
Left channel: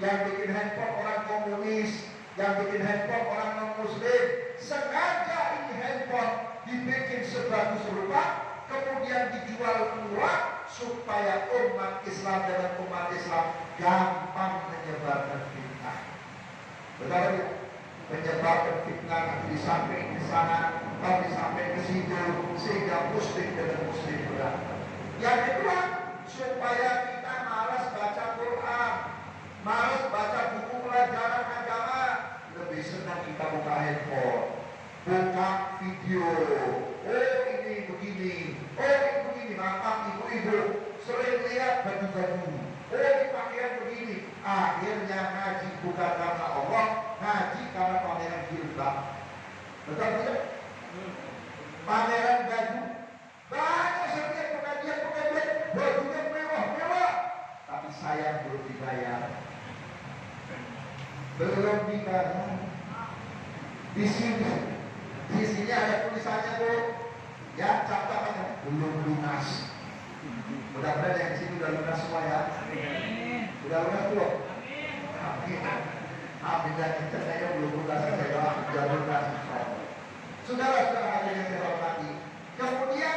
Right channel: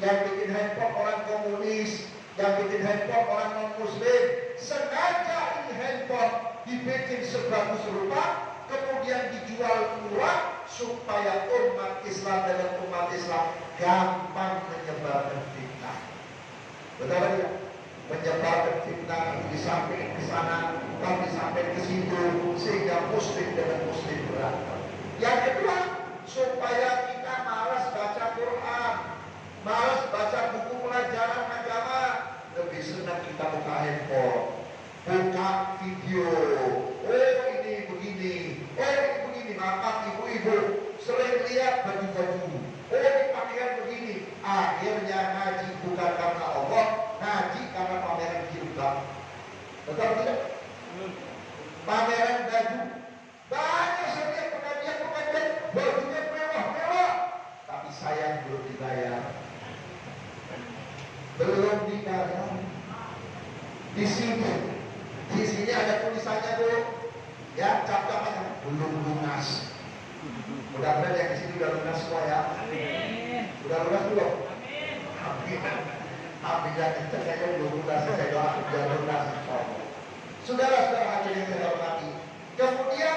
yang bikin handphone orang komunis, yang bikin handphone orang non-muslim. Sengaja ini handphone dibikin sebagus rupa, kemudian dijual murah supaya umat Islam dengan umat Islam gampang menyebarkan fitnah. Betul tidak? Menyebarkan fitnah disampaikan ke sana, lalu disampaikan ke situ, sehingga muslim dengan muslim berantem. Yang kedua, supaya kita malas baca Quran, malas baca buku pelajaran agama, lebih senang kita buka handphone, buka video. Oh ini begini, oh ini begini. Maaf ibu-ibu, sering lihat baju-baju. Oh ini pakaian begini. Akhirnya ngaji bukan karena Allah, ngaji karena pameran jilbab. Betul tidak? Pameran baju. Banyak setiap pengajian bajunya mewah-mewah, tapi saya belum dibayar. Belum dibayar. Di sini ada tulisannya tuh, ya, cap-capannya belum lunas. Mudah-mudahan yang di sini udah lunas semua ya. Udah lunas belum? Amin. Amin. Dan saya belum lunas, saya doa udah lunas. Saudara-saudara hadirin yang saya hormati, kemudian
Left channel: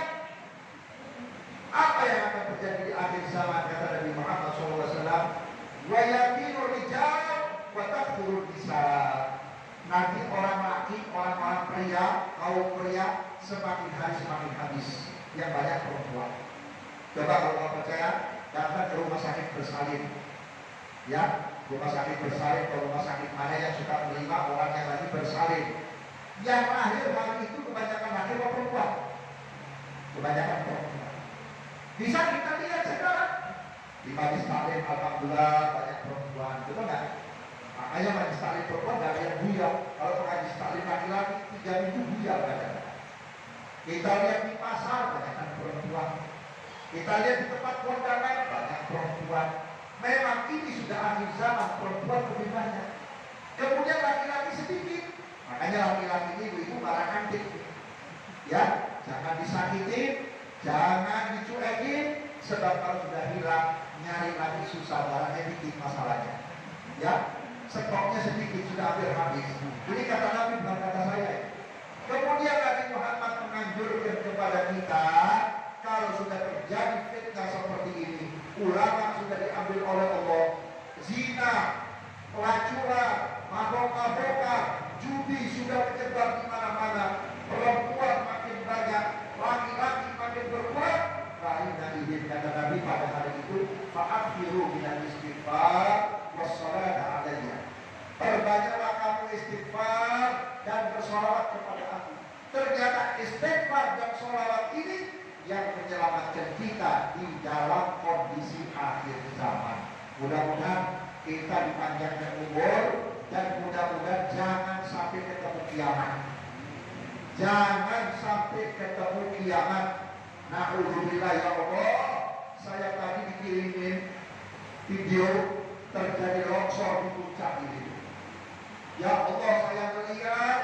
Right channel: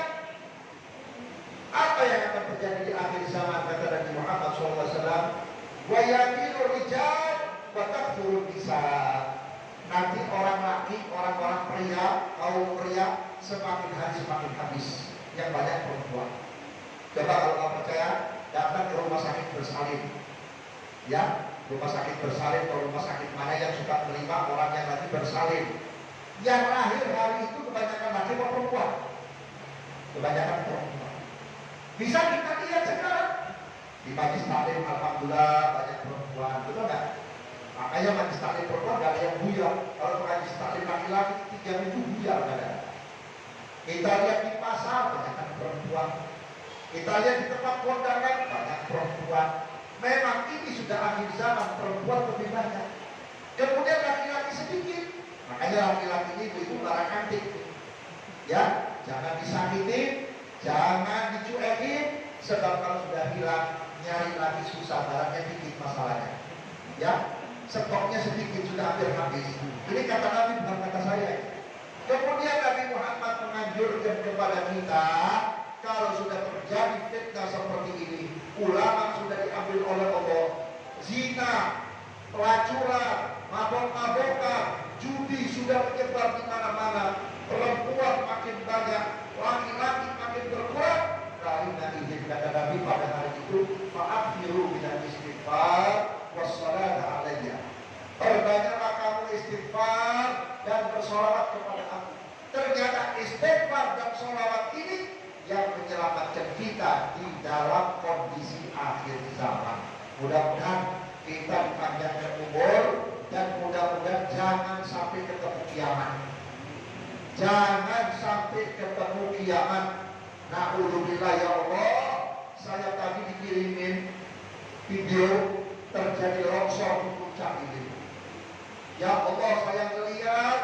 apa yang akan terjadi di akhir zaman, kata Nabi Muhammad SAW, wa yaqilu rijal wa takfurun nisa. Nanti orang laki, orang-orang pria, kaum pria semakin hari semakin habis, yang banyak perempuan. Coba kalau nggak percaya, datang ke rumah sakit bersalin, ya, rumah sakit bersalin atau rumah sakit mana yang suka menerima orang yang lagi bersalin. Yang lahir hari itu kebanyakan laki atau perempuan? Kebanyakan perempuan. Bisa kita lihat sekarang di majlis taklim, alhamdulillah banyak perempuan, betul nggak? Makanya majlis taklim perempuan gak ada yang buyar. Kalau majlis taklim laki-laki 3 minggu buyar kadang-kadang. Kita lihat di pasar banyak perempuan. Kita lihat di tempat kondangan banyak perempuan. Memang ini sudah akhir zaman, perempuan lebih banyak. Kemudian laki-laki sedikit. Makanya laki-laki ini ibu-ibu barang antik. Ya, jangan disakitin, jangan dicuekin, sebab kalau sudah hilang nyari lagi susah, barangnya dikit masalahnya. Ya, stoknya sedikit sudah hampir habis. Ini kata Nabi, bukan kata saya. Kemudian Nabi Muhammad menganjurkan kepada kita, kalau sudah terjadi fitnah seperti ini, ulama sudah diambil oleh Allah, zina, pelacuran, mabok-mabokan, judi sudah menyebar di mana-mana, perempuan makin banyak, laki-laki makin berkurang. Karena izin kata Nabi pada hari itu, fa'afiru minal istighfar wassalatu alaiya. Perbanyaklah kamu istighfar dan bersolawat kepada aku. Ternyata istighfar dan solawat ini yang menyelamatkan kita di dalam kondisi akhir zaman. Mudah-mudahan kita dipanjangkan umur dan mudah-mudahan jangan sampai ketemu kiamat. Jangan sampai ketemu kiamat. Na'udzubillah ya Allah. Saya tadi dikirimin video terjadi longsor di puncak ini. Ya Allah, saya melihat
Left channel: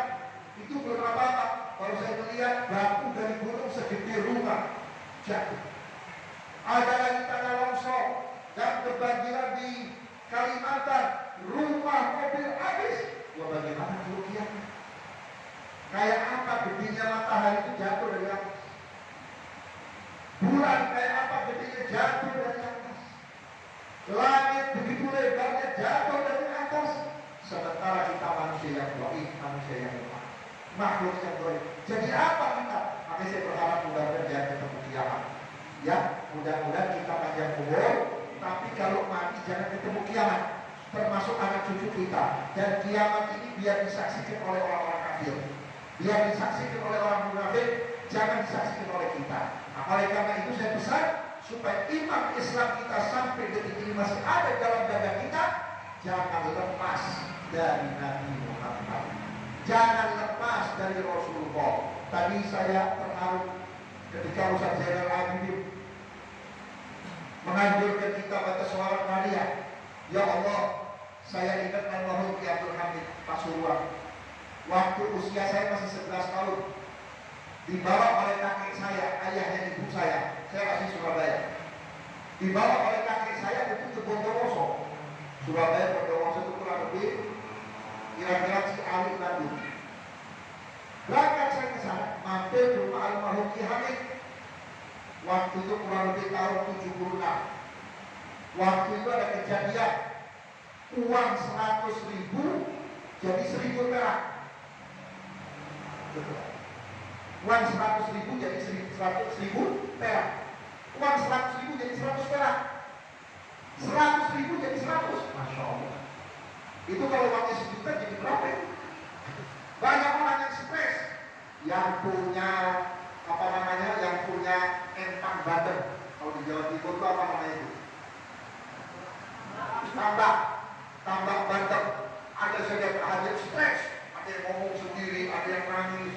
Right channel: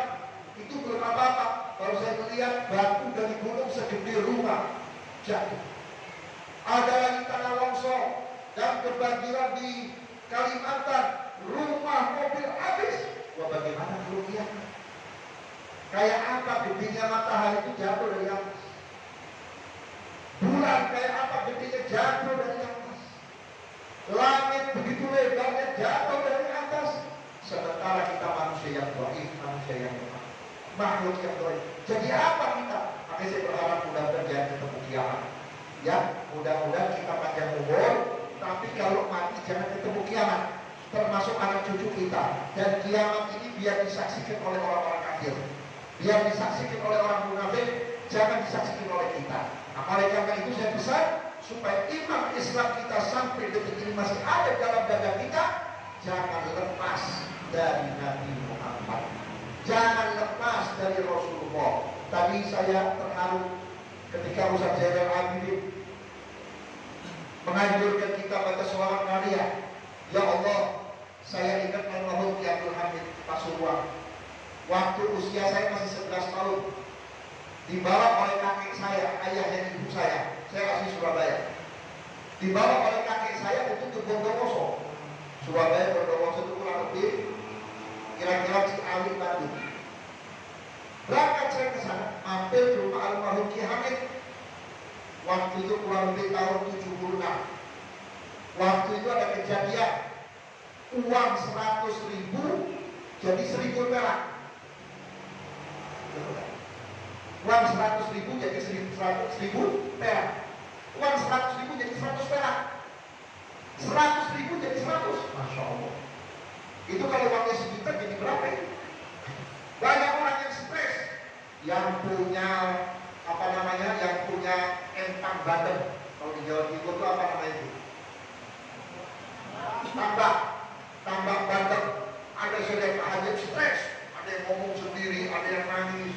itu belum apa-apa. Baru saya melihat batu dari gunung segede rumah jatuh. Ada lagi tanah longsor dan kebanjiran di Kalimantan, rumah mobil habis. Wah, bagaimana kalau kiamat? Kayak apa gedenya matahari itu jatuh dari atas? Bulan kayak apa gedenya jatuh dari atas? Langit begitu lebarnya jatuh dari atas. Sementara kita manusia yang dhaif, manusia yang lemah, makhluk yang dhaif. Jadi apa kita? Makanya saya berharap mudah-mudahan jangan ketemu kiamat. Ya, mudah-mudahan kita panjang umur, tapi kalau mati jangan ketemu kiamat, termasuk anak cucu kita. Dan kiamat ini biar disaksikan oleh orang-orang kafir, biar disaksikan oleh orang munafik, jangan disaksikan oleh kita. Nah, oleh karena itu saya pesan supaya iman Islam kita sampai detik ini masih ada dalam dada kita, jangan lepas dari Nabi Muhammad, jangan lepas dari Rasulullah. Tadi saya terharu ketika Ustaz Zainal Abidin menganjurkan kita baca sholawat Naria. Ya Allah, saya ingat almarhum Ki Abdul Hamid Pasuruan. Waktu usia saya masih 11 tahun, dibawa oleh kakek saya, ayahnya ibu saya asli Surabaya. Dibawa oleh kakek saya itu ke Bondowoso. Surabaya, Bondowoso itu kurang lebih kira-kira Ciawi, Bandung. Berangkat saya ke sana, mampir ke rumah almarhum Ki Hamid. Waktu itu kurang lebih tahun 76. Waktu itu ada kejadian uang 100.000 jadi 1.000 perak. Uang 100.000 jadi 100.000 perak. Uang 100.000 jadi 100 perak. 100.000 jadi 100. Masya Allah. Itu kalau uangnya sejuta jadi berapa ya? Banyak orang yang stres, yang punya yang punya entang Banten. Kalau di Jawa Timur itu apa namanya itu? Tambak Banten. Ada saja terhadap stres, ada yang ngomong sendiri, ada yang nangis.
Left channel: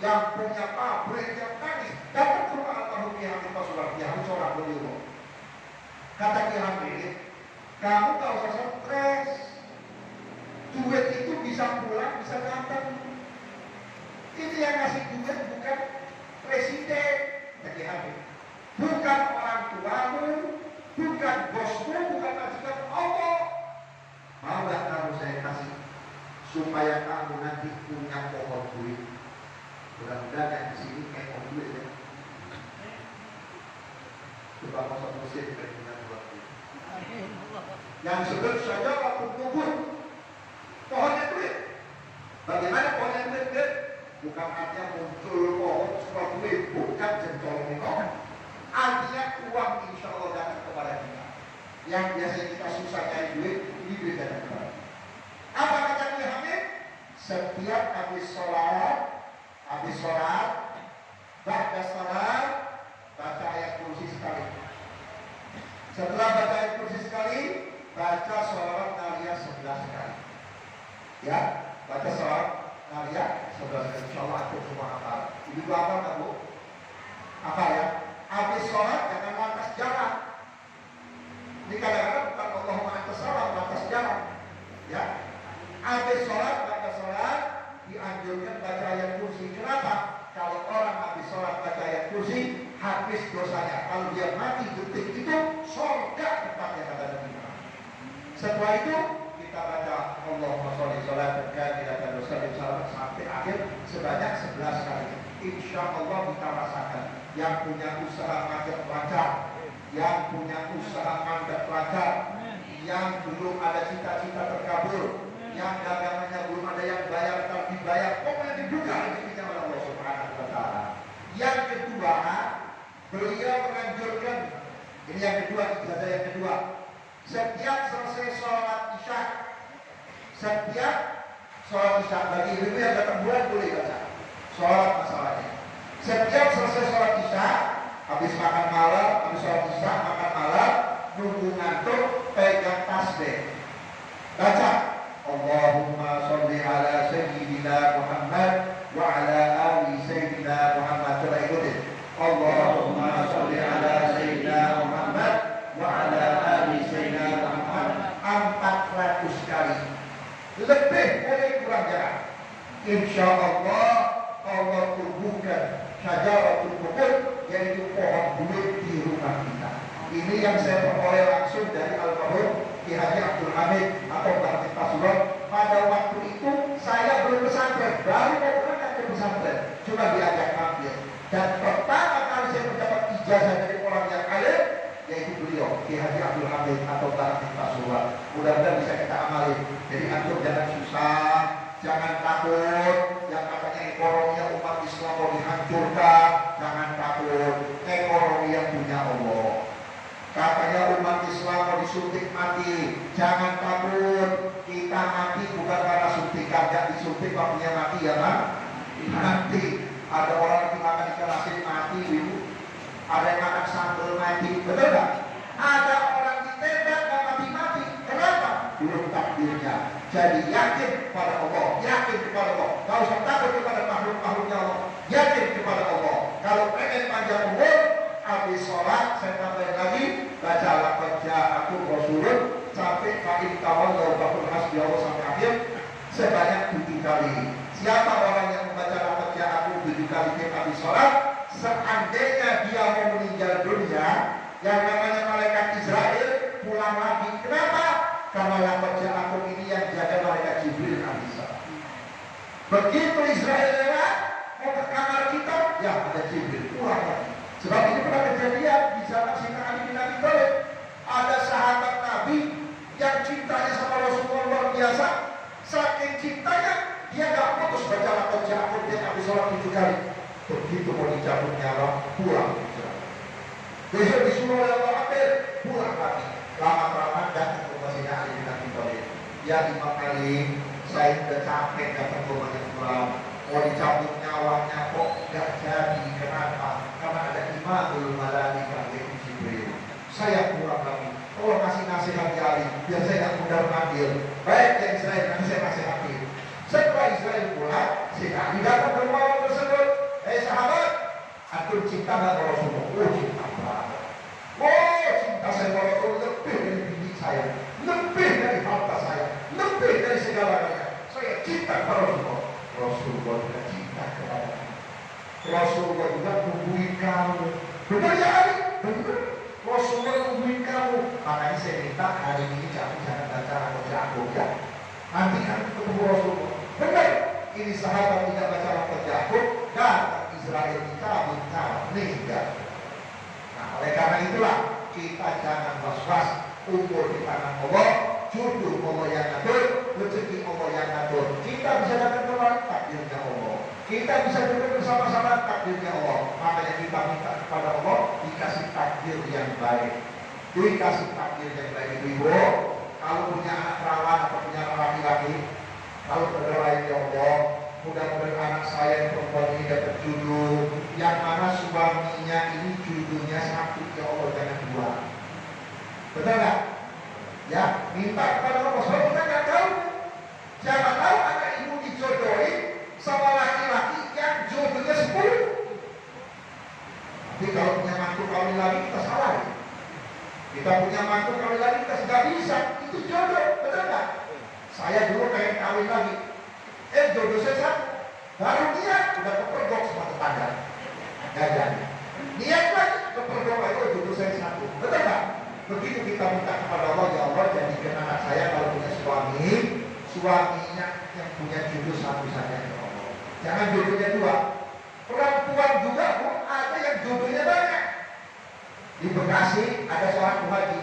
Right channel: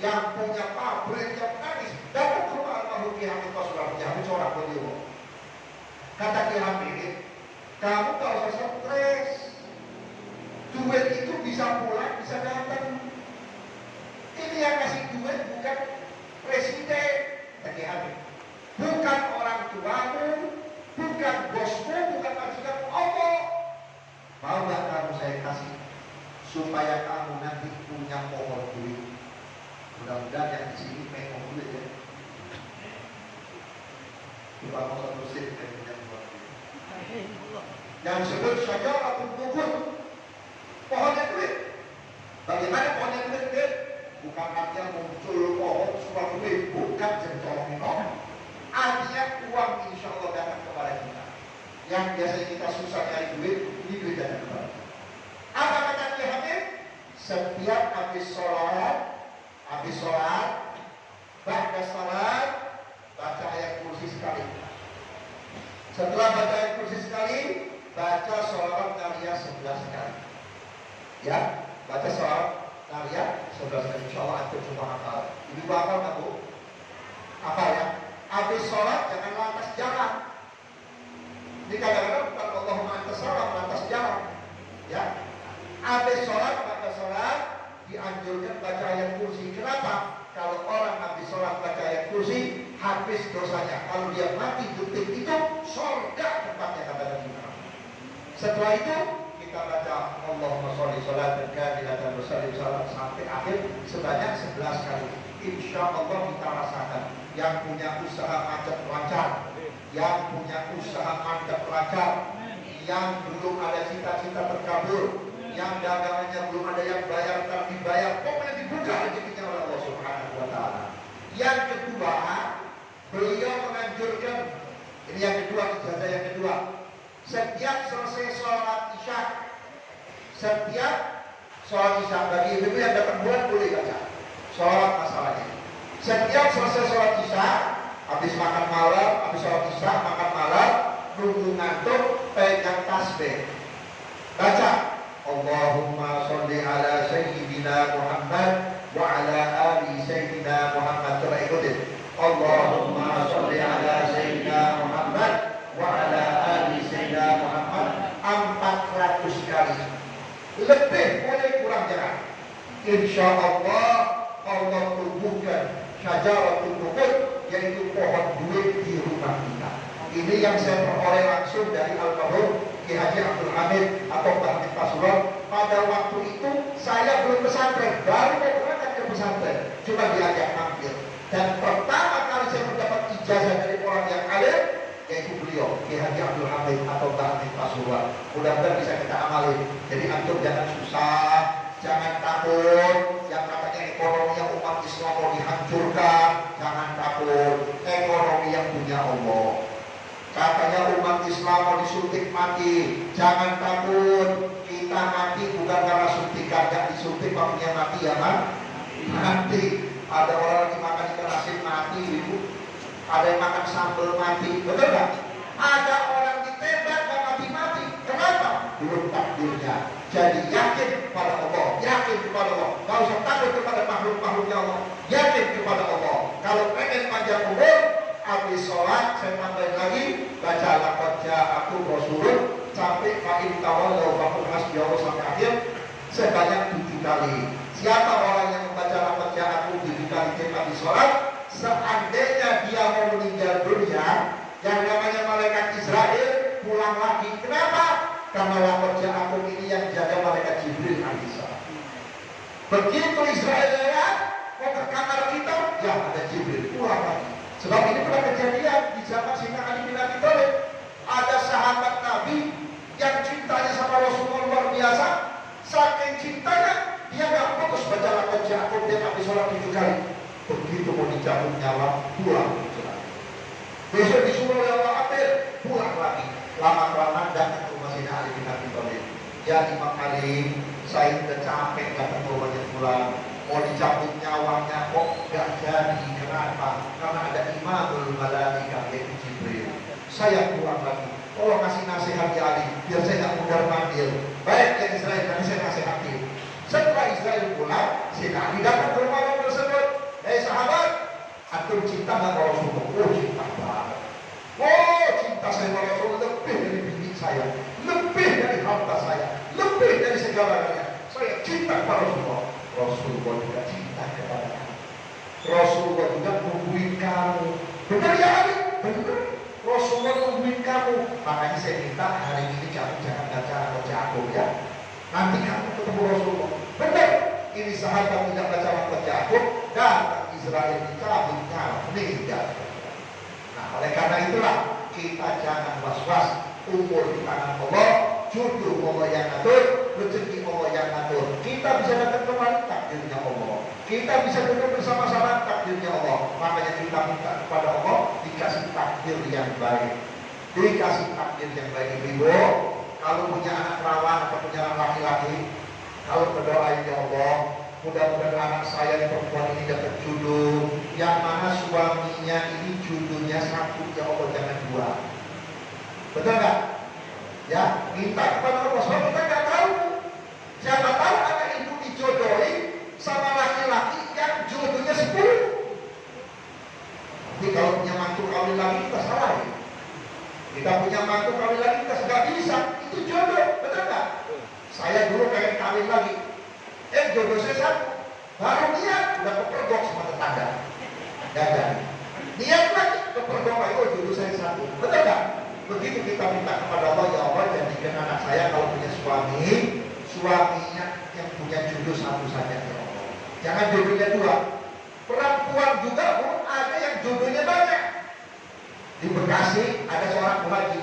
Yang punya pabrik yang nangis. Datang ke rumah almarhum Ki Hamid Pasuruan, Ki Hamid seorang beliau. Kata Ki Hamid, kamu gak usah stres. Duit itu bisa pulang, bisa datang. Ini yang ngasih duit bukan presiden, Ki Hamid, bukan orang tuamu, bukan bosmu, bukan majikan Allah. Mau gak kamu saya kasih supaya kamu nanti punya pohon duit? Mudah-mudahan yang di sini pengen duit ya. Coba mau satu sen pengen punya pohon duit. Yang sebut saja apapun pohon, pohonnya duit. Bagaimana pohonnya duit? Bukan artinya muncul pohon semua duit, bukan jengkol minum. Artinya uang insya Allah datang kepada kita. Yang biasanya kita susah nyari duit, ini duit datang kepada kita. Apa kata Ki Hamid? Setiap habis sholat, ba'da sholat, baca ayat kursi sekali. Setelah baca ayat kursi sekali, baca sholawat Nariyah 11 kali. Ya, baca sholawat Nariyah 11 kali. Insya Allah aku cuma hafal. Ini gua hafal nggak Bu? Hafal ya. Habis sholat jangan lantas jalan. Ini kadang-kadang bukan Allahumma antas sholat, lantas jalan. Ya. Habis sholat, baca sholat, dianjurkan baca ayat kursi. Kenapa? Kalau orang habis sholat baca ayat kursi, habis dosanya. Kalau dia mati detik itu, surga tempatnya kata Nabi Muhammad. Setelah itu kita baca Allahumma sholli sholatan kamilatan wa sallim salam sampai akhir sebanyak 11 kali. Insya Allah kita rasakan. Yang punya usaha macet lancar, yang punya usaha mandek lancar, yang belum ada cita-cita terkabul, yang dagangannya belum ada yang bayar tapi dibayar, pokoknya dibuka rezekinya oleh Allah Subhanahu wa taala. Yang kedua, beliau menganjurkan, ini yang kedua, ijazah yang kedua, setiap selesai sholat isya, bagi ibu yang datang bulan boleh baca sholat masalahnya. Setiap selesai sholat isya, habis makan malam, habis sholat isya, makan malam, nunggu ngantuk, pegang tasbih, baca Allahumma sholli ala sayyidina Muhammad wa ala ali sayyidina Muhammad. Coba ikutin. Allahumma sholli ala sayyidina Muhammad wa ala ali sayyidina Muhammad 400 kali. Lebih boleh panjang. Insya Allah Allah tumbuhkan syajaratul buqud, yaitu pohon duit di rumah kita. Ini yang saya peroleh langsung dari almarhum Ki Haji Abdul Hamid atau Bakti Pasuruan. Pada waktu itu saya belum pesantren, baru mau berangkat ke pesantren, cuma diajak tampil. Dan pertama kali saya mendapat ijazah dari orang yang alim, yaitu beliau Ki Haji Abdul Hamid atau Bakti Pasuruan. Mudah-mudahan bisa kita amali. Jadi antum jangan susah, jangan takut. Yang katanya ekonomi umat Islam mau dihancurkan, jangan takut. Ekonomi yang punya Allah. Katanya umat Islam mau disuntik mati, jangan takut. Kita mati bukan karena suntikan, gak disuntik punya mati ya Pak. Nanti ada orang lagi makan ikan asin mati itu, ada yang makan sambal mati, betul gak? Ada orang ditembak gak mati-mati, kenapa? Belum takdirnya. Jadi yakin kepada Allah, yakin kepada Allah. Gak usah takut kepada makhluk-makhluknya Allah, yakin kepada Allah. Kalau pengen panjang umur, habis sholat, saya tambahin lagi, baca laqad ja'akum rasulun sampai fa'in tawallaw faqul hasbiyallahu sampai akhir sebanyak 7 kali. Siapa orang yang membaca laqad ja'akum 7 kali tiap habis sholat, seandainya dia mau meninggal dunia, yang namanya malaikat Israel pulang lagi. Kenapa? Karena laqad ja'akum ini yang jaga malaikat Jibril alaihissalam. Begitu Israel lewat mau ke kamar kita, ya ada Jibril pulang lagi. Sebab ini pernah kejadian di zaman Sayyidina Ali bin Abi Thalib. Ada sahabat Nabi yang cintanya sama Rasulullah luar biasa. Saking cintanya, dia gak putus baca laqad ja'akum dia habis sholat 7 kali. Begitu mau dicabut nyawa, pulang. Besok disuruh oleh Allah Akbar, pulang lagi. Lama-kelamaan datang ke rumah Sayyidina Ali bin Abi Thalib. Ya Imam Ali, saya udah capek datang ke rumahnya pulang. Mau dicabut nyawanya kok gak jadi. Kenapa? Karena ada imamul malaikah yaitu Jibril. Saya pulang lagi. Tolong kasih nasihat ya Ali, biar saya gak mudah manggil. Baik ya Israel, nanti saya nasihatin. Setelah Israel pulang, si Ali datang ke rumah orang tersebut. Hei sahabat, antum cinta gak sama Rasulullah? Oh cinta banget. Oh cinta saya sama Rasulullah lebih dari bini saya, lebih dari harta saya, lebih dari segala-galanya. Saya cinta kepada Rasulullah. Rasulullah juga cinta kepada kamu. Rasulullah juga nungguin kamu. Benar ya Ali? Benar. Rasulullah nungguin kamu. Makanya saya minta hari ini kamu jangan baca laqad ja'akum ya. Nanti kamu ketemu Rasulullah. Benar. Ini sahabat tidak baca laqad ja'akum dan Israel dicabut nyawa meninggal. Nah oleh karena itulah kita jangan was-was. Umur di tangan Allah, jodoh Allah yang ngatur, rezeki Allah yang ngatur. Kita bisa datang kemari, takdirnya Allah. Kita bisa duduk bersama-sama, takdirnya Allah. Makanya kita minta kepada Allah dikasih takdir yang baik. Dikasih takdir yang baik. Ibu, kalau punya anak perawan atau punya anak laki-laki, kalau berdoain ya Allah, mudah-mudahan anak saya yang perempuan ini dapat jodoh, yang mana suaminya ini jodohnya satu, ya Allah jangan dua. Betul nggak? Ya, minta kepada Allah. Soalnya kita nggak tahu. Siapa tahu anak ibu dijodohin sama laki-laki yang jodohnya 10. Tapi kalau punya mantu kawin lagi kita salah ya. Kita punya mantu kawin lagi kita nggak bisa. Itu jodoh, betul nggak? Saya dulu pengen kawin lagi. Jodoh saya satu. Baru niat udah kepergok sama tetangga. Gagal. Niat lagi kepergok lagi. Oh jodoh saya satu. Betul nggak? Begitu kita minta kepada Allah, ya Allah jadikan anak saya kalau punya suami, suaminya yang punya jodoh satu saja ya Allah. Jangan jodohnya dua. Perempuan juga pun ada yang jodohnya banyak. Di Bekasi ada seorang muhaji,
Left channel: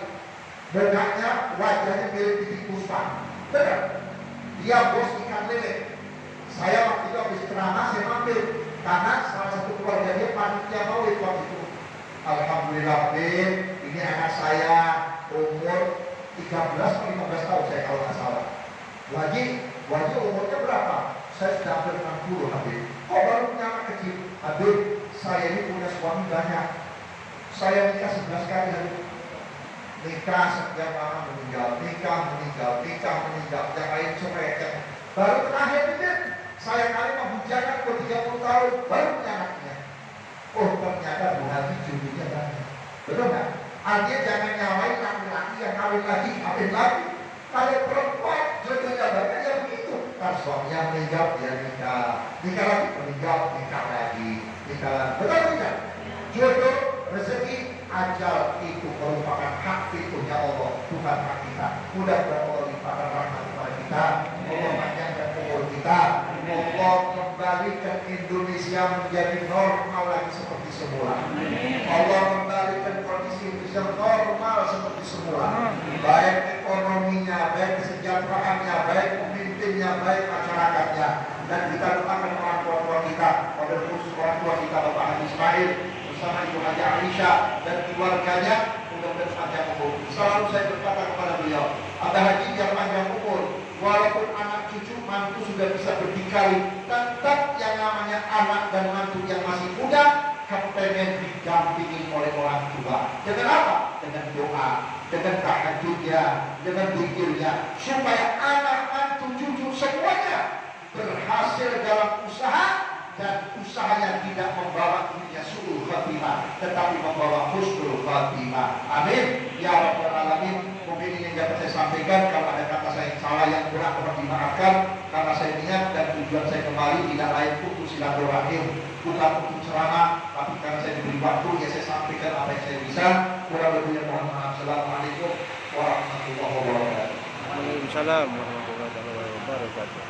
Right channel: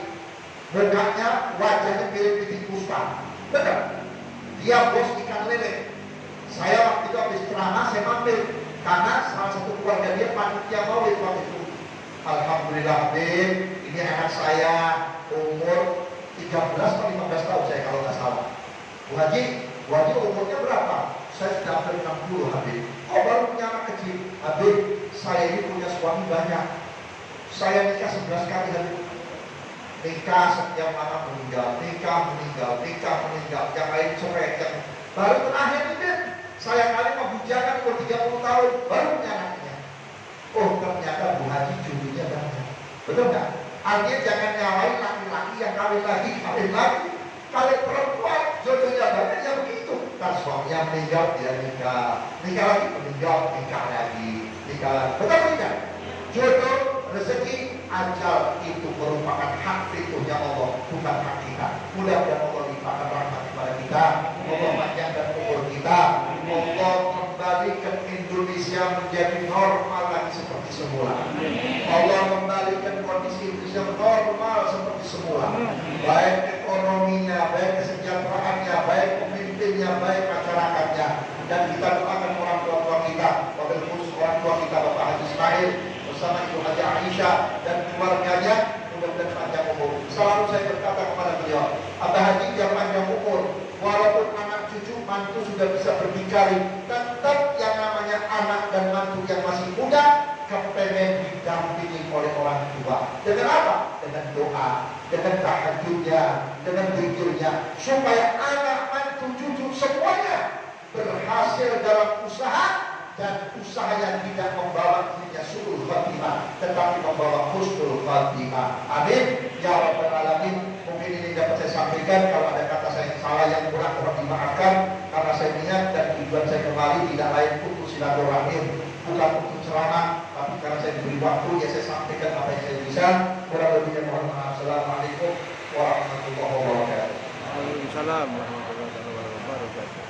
mukanya wajahnya mirip titik puspa. Betul. Dia bos ikan lele. Saya waktu itu habis ceramah saya mampir karena salah satu keluarga dia panitia maulid waktu itu. Alhamdulillah bin, ini anak saya umur 13 atau 15 tahun saya kalau nggak salah. Bu Haji umurnya berapa? Saya sudah hampir 60 Habib. Kok baru punya anak kecil? Habib, saya ini punya suami banyak. Saya nikah 11 kali Habib. Nikah sekian lama meninggal, nikah meninggal. Yang lain sore, yang baru terakhir itu saya kali mau bujangan umur 30 tahun, baru punya anaknya. Oh ternyata Bu Haji jodohnya banyak. Betul nggak? Artinya jangan nyalain laki-laki yang kawin lagi. Kalau perempuan jodohnya banyak ya begitu. Ntar suaminya meninggal, dia nikah lagi, meninggal, nikah lagi. Betul tidak? Jodoh, rezeki, ajal itu merupakan hak fiturnya Allah, bukan hak kita. Mudah-mudahan Allah limpahkan rahmat kepada kita, Allah panjangkan umur kita, Allah kembalikan Indonesia menjadi normal lagi seperti semula. Allah kembalikan kondisi Indonesia normal seperti semula. Baik ekonominya, baik kesejahteraannya, baik pemimpinnya, baik masyarakatnya. Dan kita doakan orang tua kita, wabil khusus orang tua kita Bapak Haji Ismail bersama Ibu Haji Aisyah dan keluarganya, mudah-mudahan panjang umur. Selalu saya berkata kepada beliau, Abah Haji biar panjang umur, walaupun anak cucu mantu sudah bisa berdikari, tetap yang namanya anak dan mantu yang masih muda kepengen didampingi oleh orang tua. Dengan apa? Dengan doa, dengan tahajudnya, dengan zikirnya, supaya anak mantu cucu semuanya berhasil dalam usaha, dan usahanya tidak membawa dirinya su'ul khatimah, tetapi membawa husnul khatimah. Amin ya rabbal alamin. Mungkin ini dapat saya sampaikan. Kalau ada kata saya yang salah yang kurang, mohon dimaafkan, karena saya niat dan tujuan saya kembali tidak lain untuk silaturahim, bukan untuk ceramah, tapi karena saya diberi waktu ya saya sampaikan apa yang saya bisa. Kurang lebihnya mohon maaf. Assalamualaikum warahmatullahi wabarakatuh. Waalaikumsalam warahmatullahi wabarakatuh.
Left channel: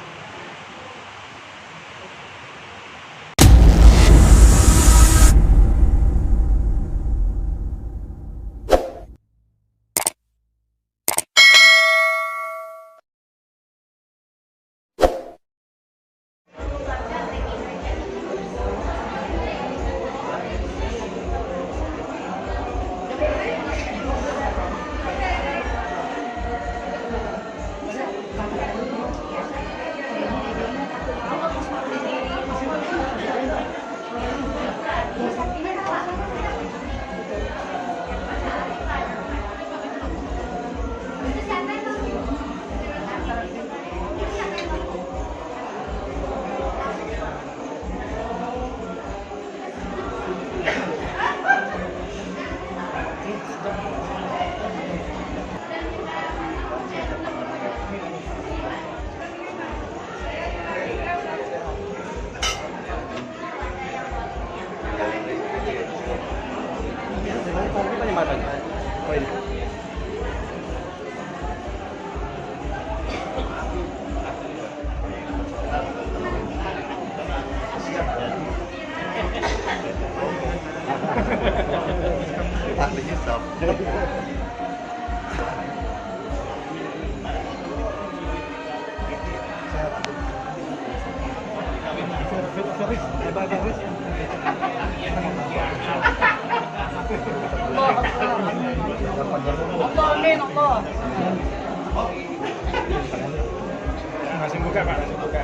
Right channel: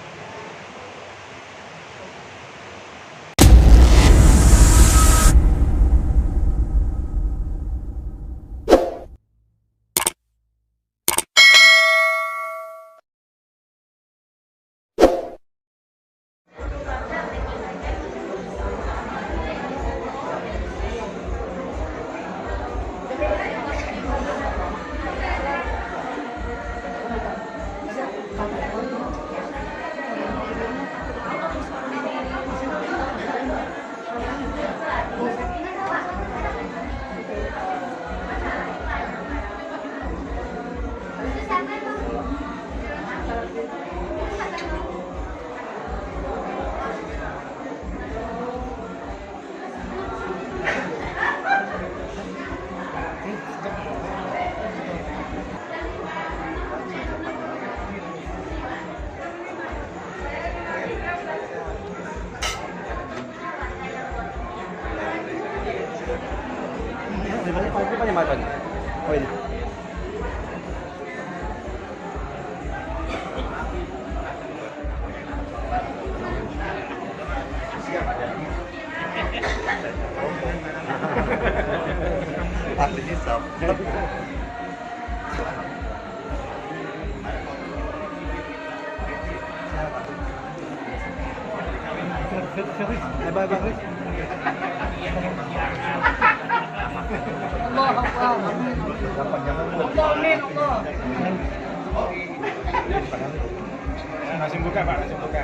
Masih buka Pak, masih buka.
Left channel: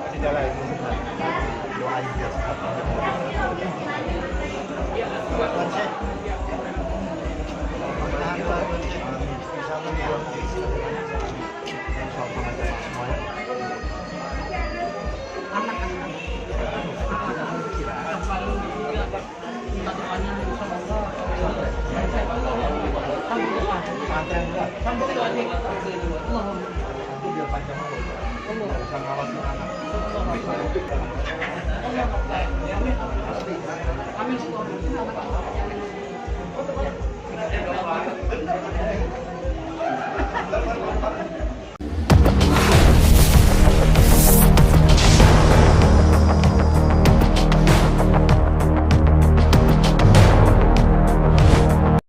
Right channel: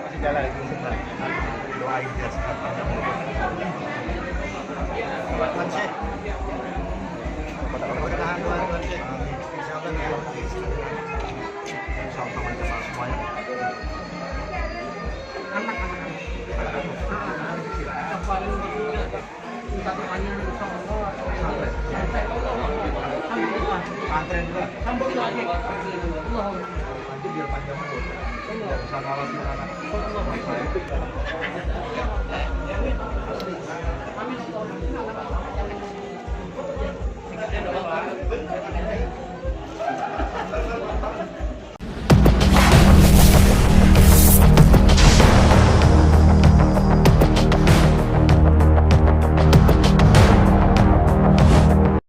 Masih jalan lagi. Doain biar sehat panjang umur. Mudah-mudahan insyaallah ya. Sama-sama semuanya. Aman. Minta doanya sama Allah. Santren juga. Sampai aja. Allahumma biar panjang umur. Sama lagi anak. Amin.